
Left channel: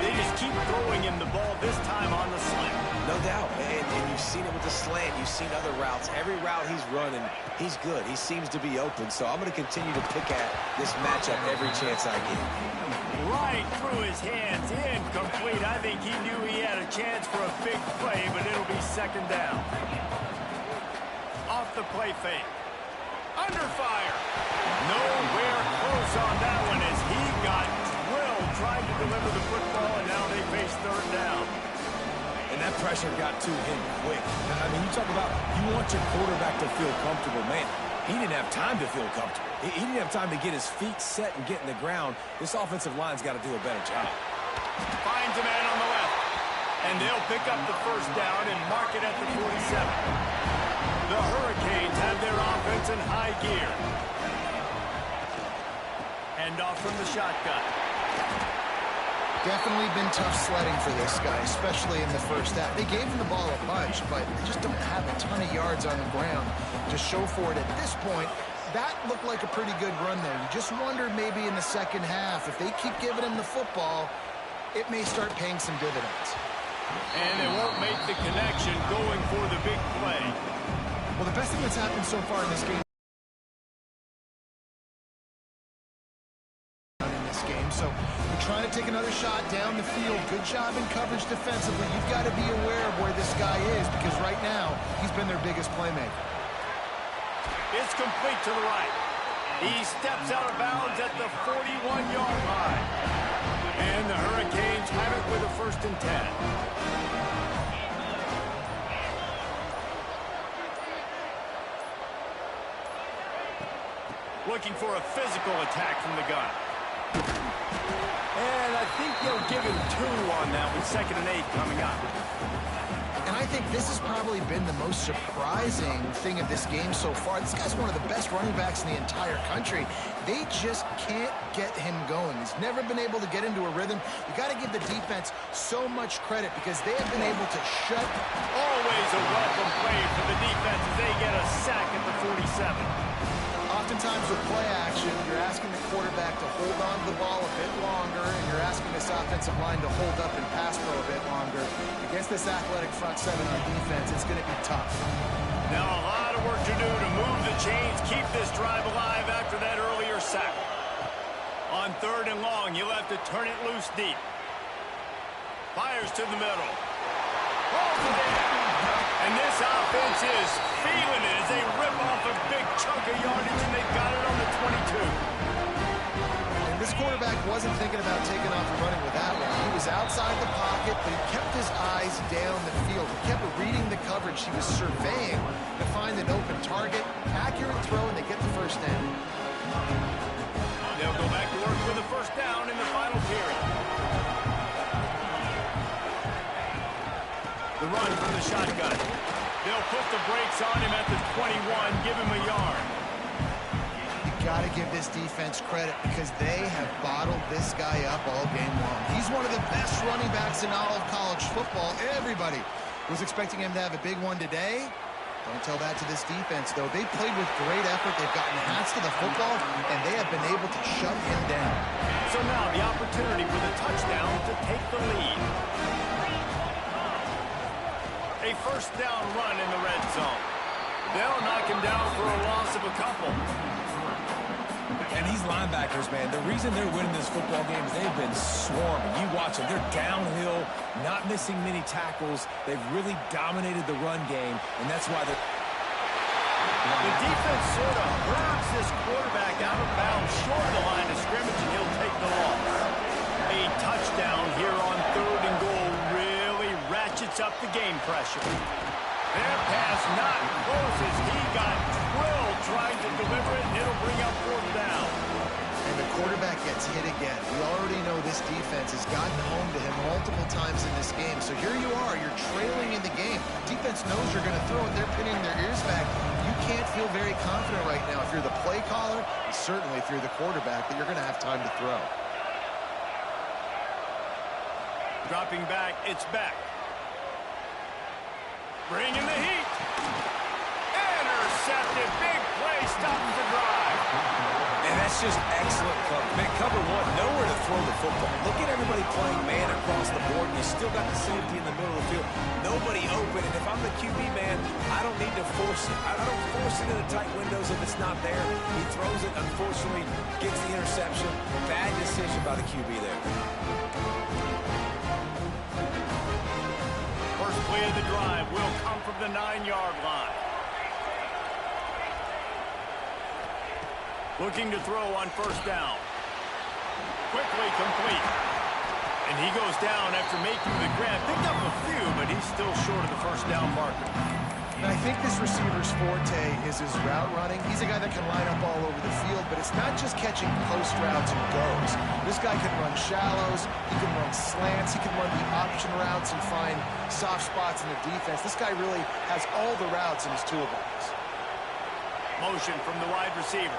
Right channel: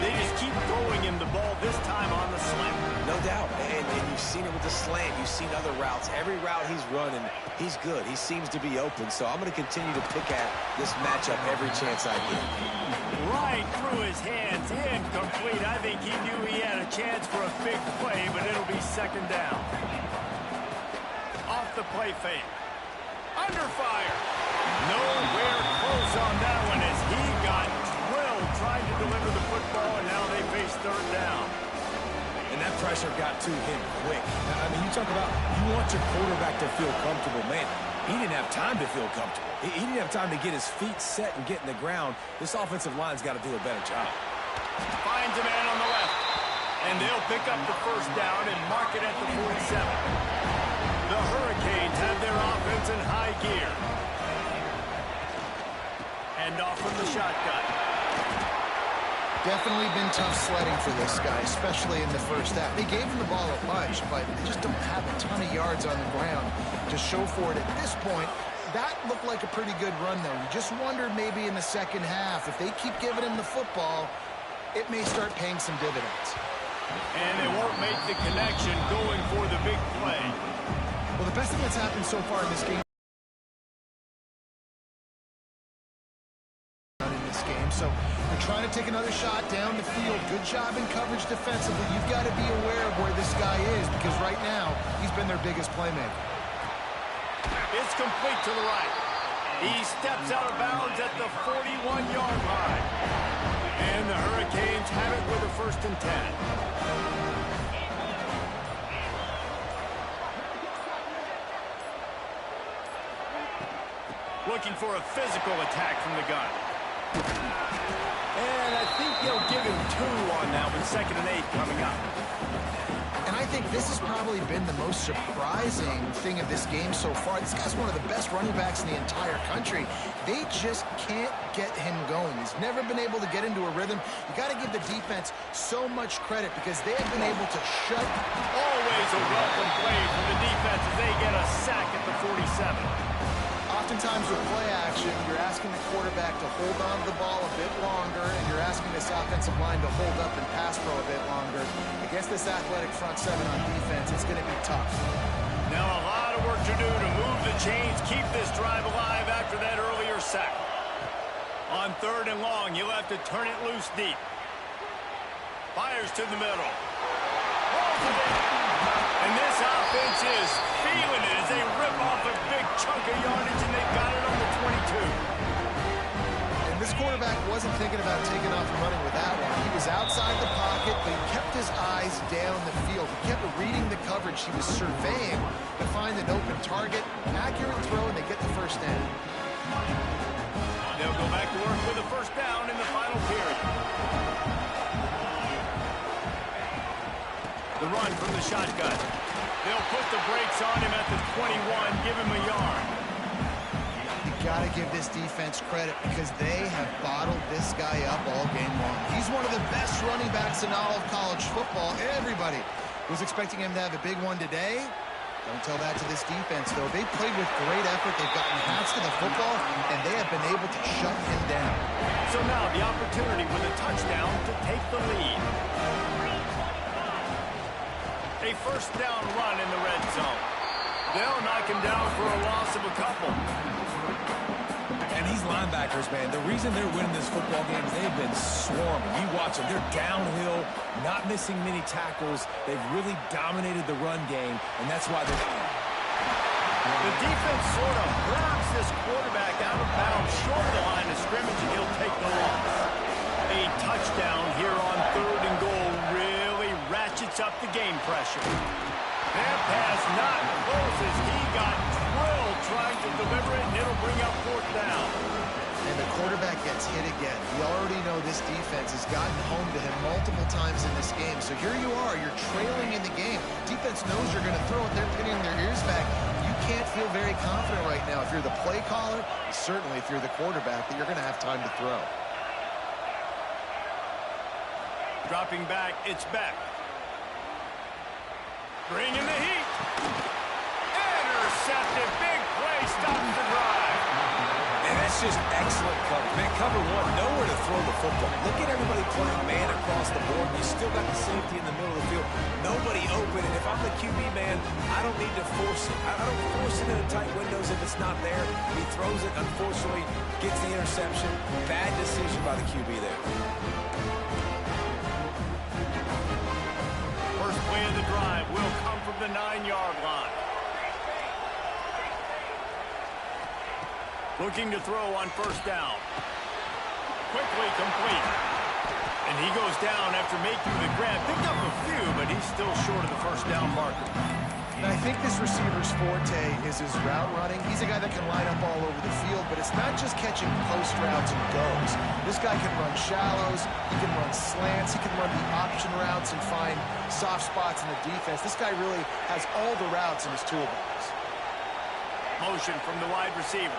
They just keep throwing him the ball, this time on the slant. No doubt, and you've seen it with the slant. You've seen other routes. Every route he's running, he's good. He seems to be open, so I'm going to continue to pick at this matchup every chance I get. Right through his hands, incomplete. I think he knew he had a chance for a big play, but it'll be second down. Off the play fake. Under fire. Nowhere close on that one as he got drilled trying to deliver the football, and now they face third down. And that pressure got to him quick. I mean, you talk about you want your quarterback to feel comfortable. Man, he didn't have time to feel comfortable. He didn't have time to get his feet set and get in the ground. This offensive line's got to do a better job. Finds a man on the left. And they'll pick up the first down and mark it at the 47. The Hurricanes have their offense in high gear. Hand off from the shotgun. Definitely been tough sledding for this guy, especially in the first half. They gave him the ball a bunch, but they just don't have a ton of yards on the ground to show for it at this point. That looked like a pretty good run, though. You just wondered maybe in the second half, if they keep giving him the football, it may start paying some dividends. And they won't make the connection going for the big play. Well, the best thing that's happened so far in this game so they're trying to take another shot down the field. Good job in coverage defensively. You've got to be aware of where this guy is because right now he's been their biggest playmaker. It's complete to the right. He steps out of bounds at the 41-yard line. And the Hurricanes have it with a 1st and 10. Looking for a physical attack from the gun. And I think they'll give him 2 on that with 2nd and 8 coming up. And I think this has probably been the most surprising thing of this game so far. This guy's one of the best running backs in the entire country. They just can't get him going. He's never been able to get into a rhythm. You got to give the defense so much credit because they have been able to shut. Always a welcome play for the defense as they get a sack at the 47. Oftentimes with play action, you're asking the quarterback to hold on to the ball a bit longer, and you're asking this offensive line to hold up and pass pro a bit longer. Against this athletic front 7 on defense, it's going to be tough. Now a lot of work to do to move the chains, keep this drive alive after that earlier sack. On 3rd and long, you'll have to turn it loose deep. Fires to the middle. Holds it in. And this offense is feeling it as they rip off a big chunk of yardage, and they've got it on the 22. And this quarterback wasn't thinking about taking off and running with that one. He was outside the pocket, but he kept his eyes down the field. He kept reading the coverage. He was surveying to find an open target. Accurate throw, and they get the first down. They'll go back to work with a first down in the final period. The run from the shotgun. They'll put the brakes on him at the 21, give him a yard. You got to give this defense credit because they have bottled this guy up all game long. He's one of the best running backs in all of college football. Everybody was expecting him to have a big one today. Don't tell that to this defense, though. They played with great effort. They've gotten hats to the football, and they have been able to shut him down. So now the opportunity with a touchdown to take the lead. A first down run in the red zone. They'll knock him down for a loss of a couple. And these linebackers, man, the reason they're winning this football game is they've been swarming. You watch them. They're downhill, not missing many tackles. They've really dominated the run game, and that's why they're... The defense sort of herds this quarterback out of bounds short of the line of scrimmage, and he'll take the loss. A touchdown here on 3rd and goal really ratchets up the game pressure. Their pass not close as he got drilled trying to deliver it, and it'll bring up 4th down. And the quarterback gets hit again. We already know this defense has gotten home to him multiple times in this game. So here you are, you're trailing in the game. Defense knows you're going to throw it. They're pinning their ears back. You can't feel very confident right now if you're the play caller, and certainly if you're the quarterback, that you're going to have time to throw. Dropping back, it's back. Bringing the heat. Intercepted. Big play stops the drive. And that That's just excellent coverage. Man, cover one, nowhere to throw the football. Look at everybody playing man across the board, and you still got the safety in the middle of the field. Nobody open, and if I'm the QB, man, I don't need to force it. I don't force it into tight windows if it's not there. He throws it, unfortunately, gets the interception. Bad decision by the QB there. First play of the drive will come from the 9-yard line. Looking to throw on first down. Quickly complete. And he goes down after making the grab. Picked up a few, but he's still short of the first down marker. And I think this receiver's forte is his route running. He's a guy that can line up all over the field, but it's not just catching post routes and goes. This guy can run shallows, he can run slants, he can run the option routes and find soft spots in the defense. This guy really has all the routes in his toolbox. Motion from the wide receiver.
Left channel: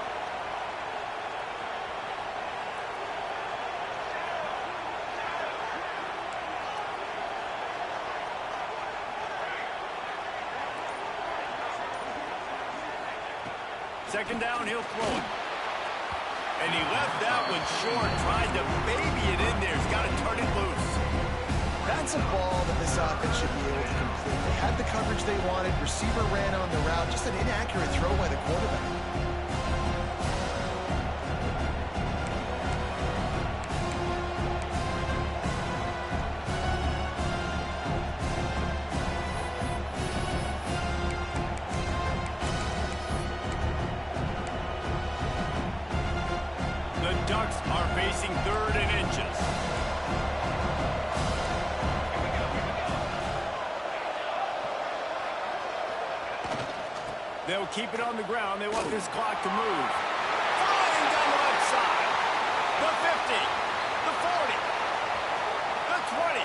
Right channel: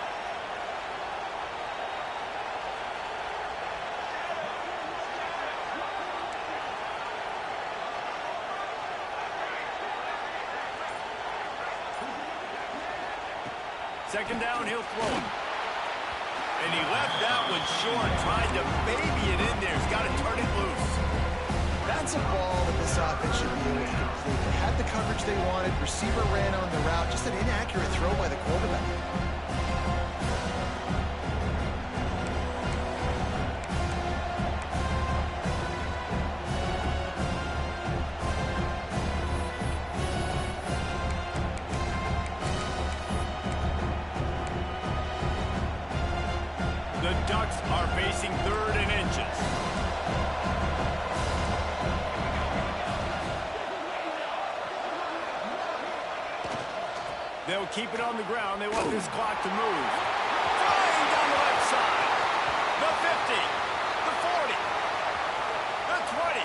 Second down, he'll throw it. And he left that one short, tried to baby it in there. He's got to turn it loose. That's a ball that this offense should be able to complete. They had the coverage they wanted. Receiver ran on the route. Just an inaccurate throw by the quarterback. The Ducks are facing 3rd and inches. They'll keep it on the ground. They want this clock to move. Flying down the left side. The 50. The 40. The 20.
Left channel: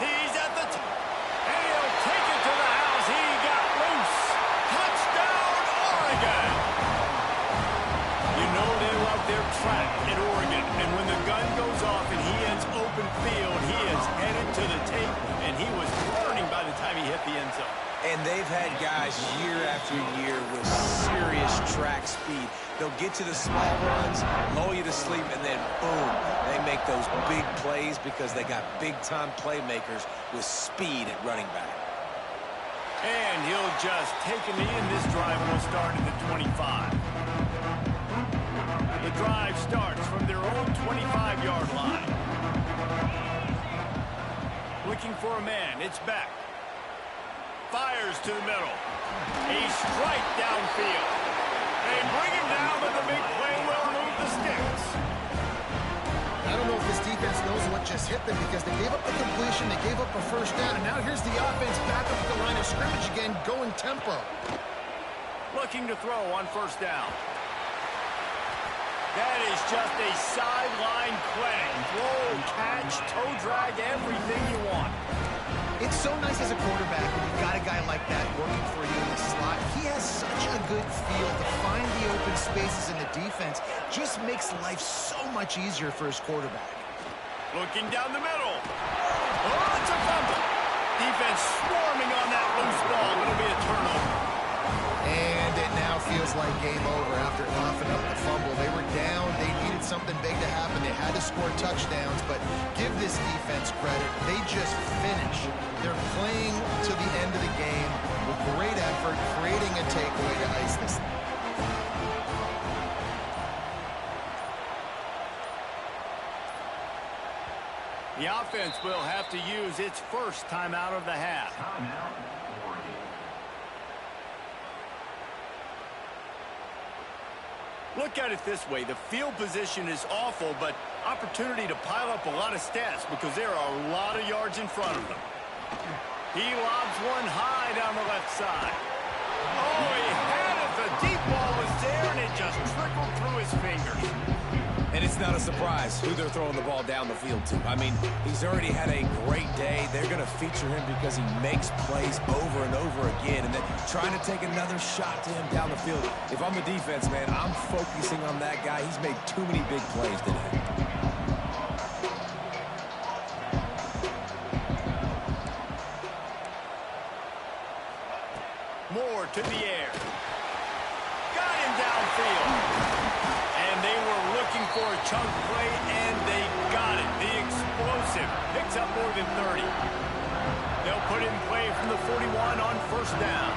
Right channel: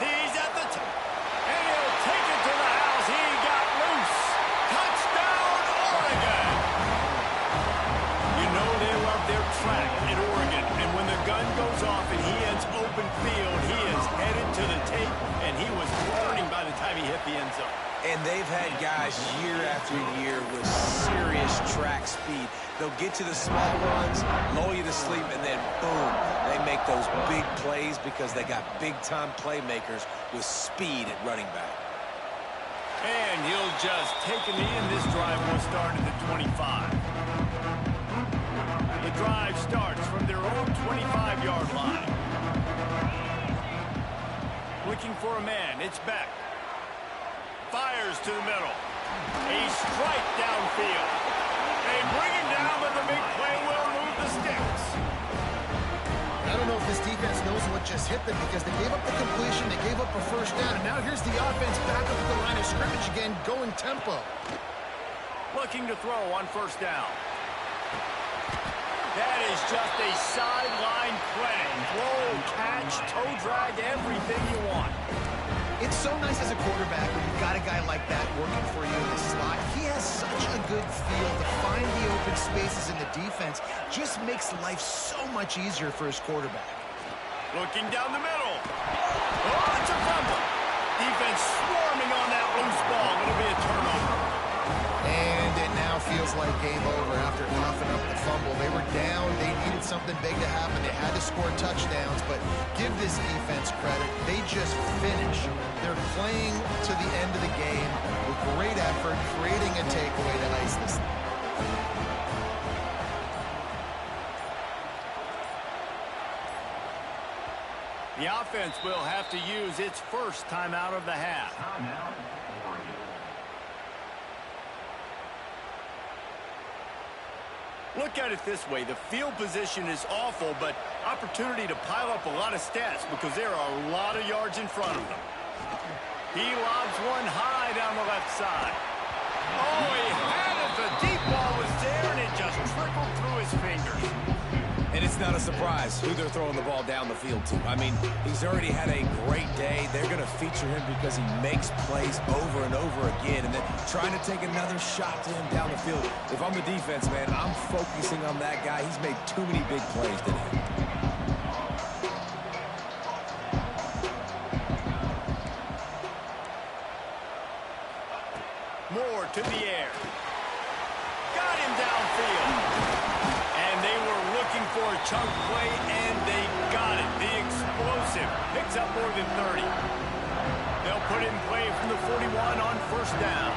He's at the and he'll take it to the house. He got loose. Touchdown, Oregon. You know they love their track at Oregon. And when the gun goes off and he ends open field, he is headed to the tape, and he was burning by the time he hit the end zone. And they've had guys year after year with serious track speed. They'll get to the small runs, lull you to sleep, and then boom, they make those big plays because they got big-time playmakers with speed at running back. And he'll just take a knee, and this drive will start at the 25. The drive starts from their own 25-yard line. Looking for a man. It's Beck. Fires to the middle. A strike downfield. They bring him down, but the big play will move the sticks. I don't know if this defense knows what just hit them because they gave up the completion, they gave up a first down, and now here's the offense back up at the line of scrimmage again, going tempo. Looking to throw on first down. That is just a sideline clinic. Throw, catch, toe drag, everything you want. It's so nice as a quarterback when you've got a guy like that working for you in the slot. He has such a good feel to find the open spaces in the defense. Just makes life so much easier for his quarterback. Looking down the middle. Oh, it's a fumble. Defense swarming on that loose ball. It'll be a turnover. And it now feels like game over after coughing up the fumble. They were down. They needed something big to happen. They had to score touchdowns, but give this defense credit. They just finish. They're playing to the end of the game with great effort, creating a takeaway to ice this. The offense will have to use its first timeout of the half. Timeout, Oregon. Look at it this way. The field position is awful, but opportunity to pile up a lot of stats because there are a lot of yards in front of them. He lobs one high down the left side. Oh, he had it. The deep ball was there, and it just trickled through his fingers. And it's not a surprise who they're throwing the ball down the field to. I mean, he's already had a great day. They're going to feature him because he makes plays over and over again. And then trying to take another shot to him down the field. If I'm the defense, man, I'm focusing on that guy. He's made too many big plays today. Moore to the air. Got him downfield. And they were looking for a chunk play, and they got it. The explosive picks up more than 30. They'll put in play from the 41 on first down.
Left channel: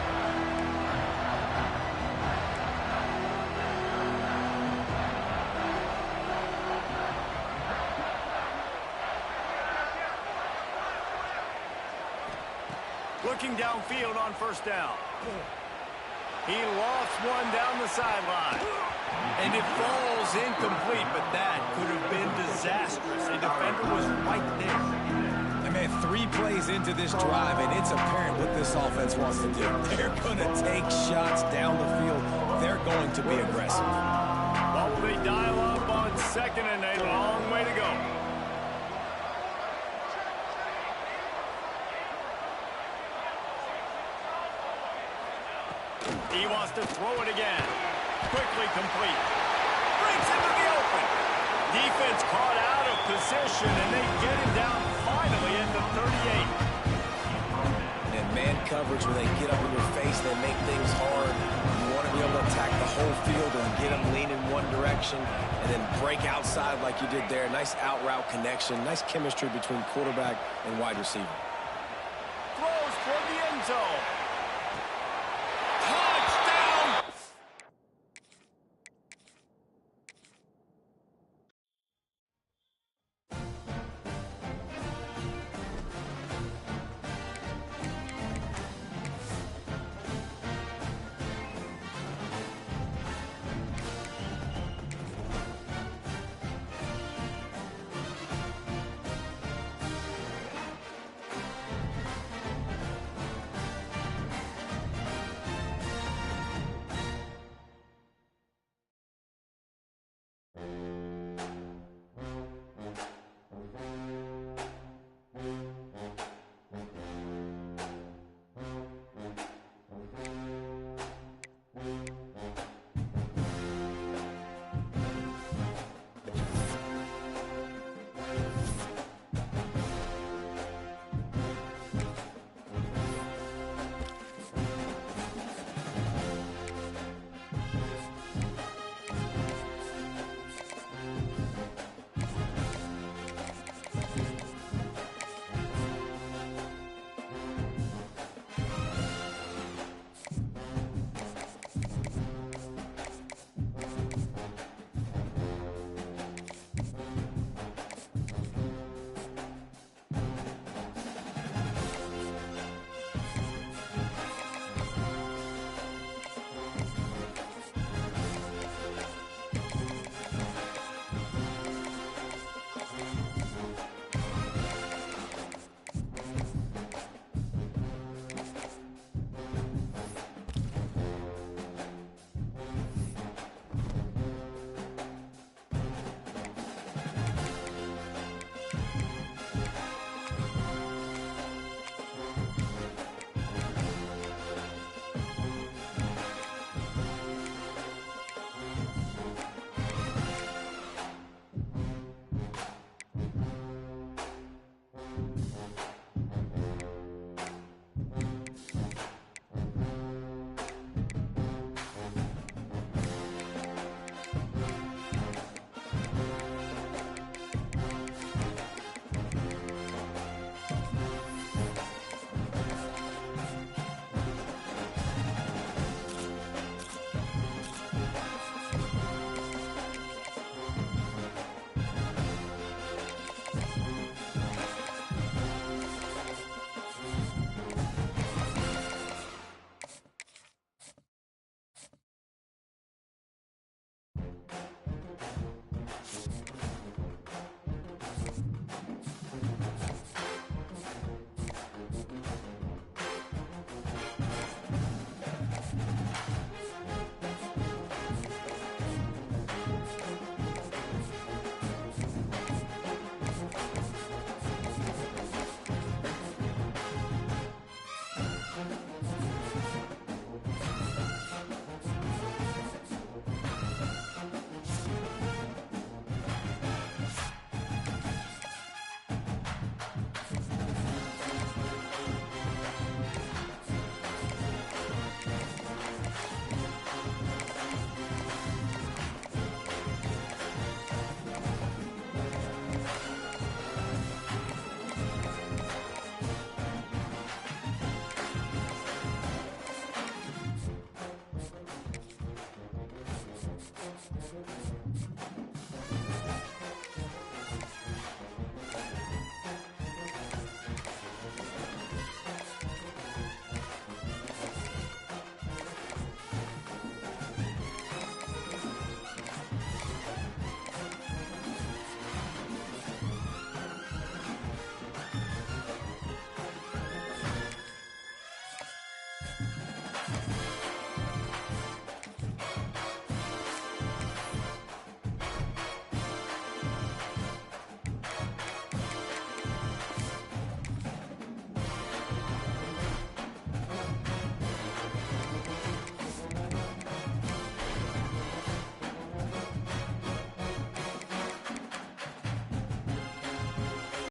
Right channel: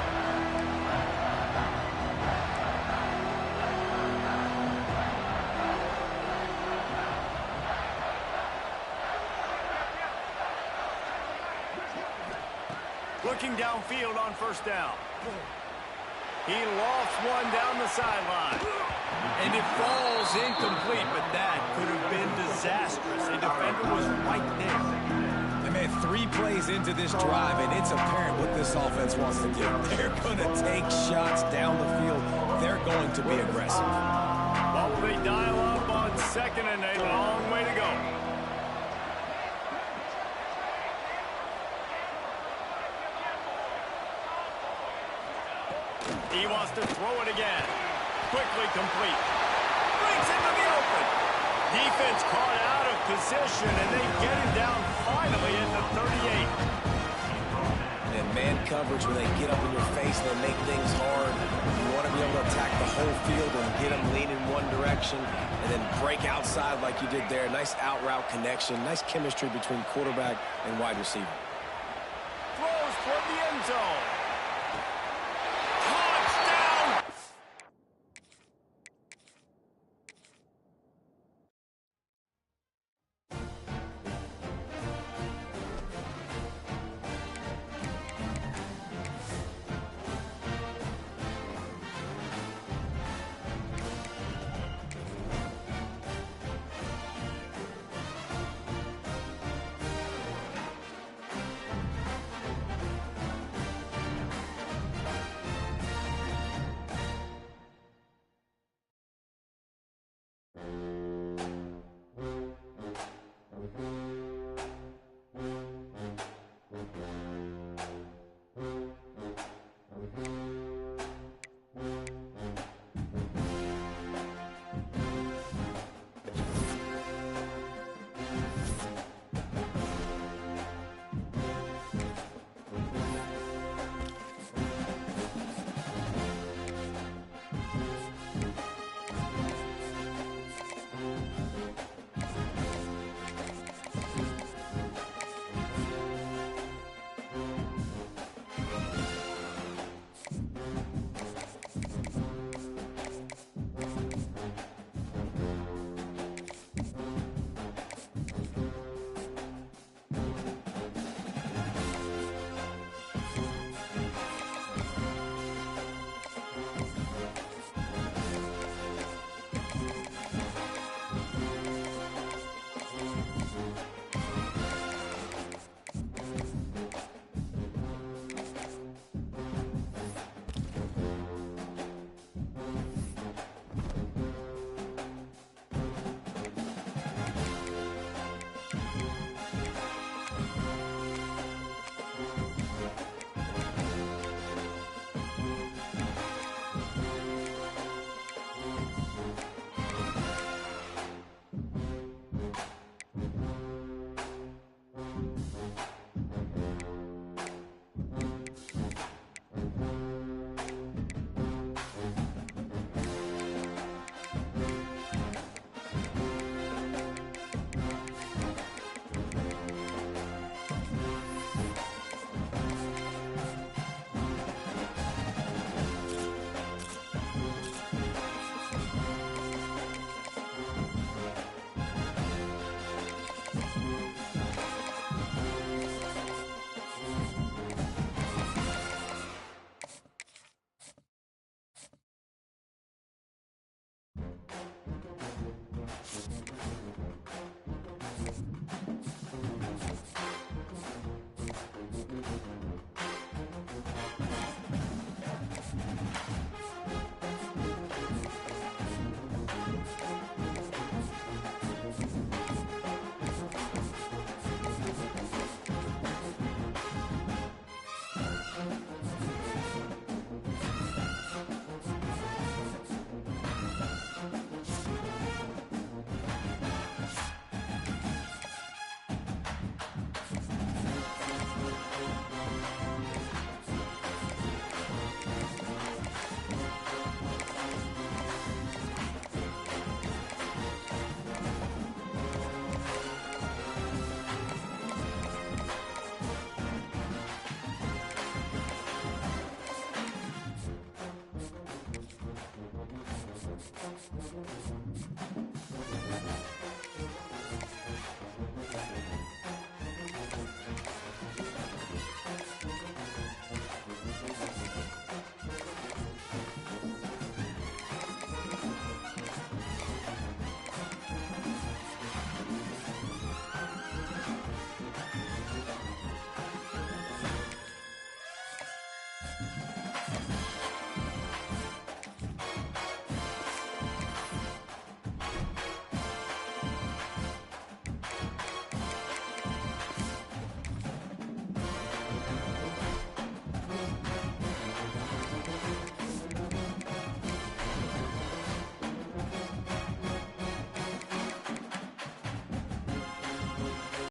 Looking downfield on first down. He lofts one down the sideline. And it falls incomplete, but that could have been disastrous. A defender was right there. And man, 3 plays into this drive, and it's apparent what this offense wants to do. They're going to take shots down the field. They're going to be aggressive. What will they dial up on second and a long way to go? He wants to throw it again. Quickly complete. Breaks into the open. Defense caught out of position, and they get him down finally at the 38. And man coverage, when they get up in your face, they make things hard. You want to be able to attack the whole field and get them leaning one direction and then break outside like you did there. Nice out-route connection. Nice chemistry between quarterback and wide receiver. Throws toward the end zone.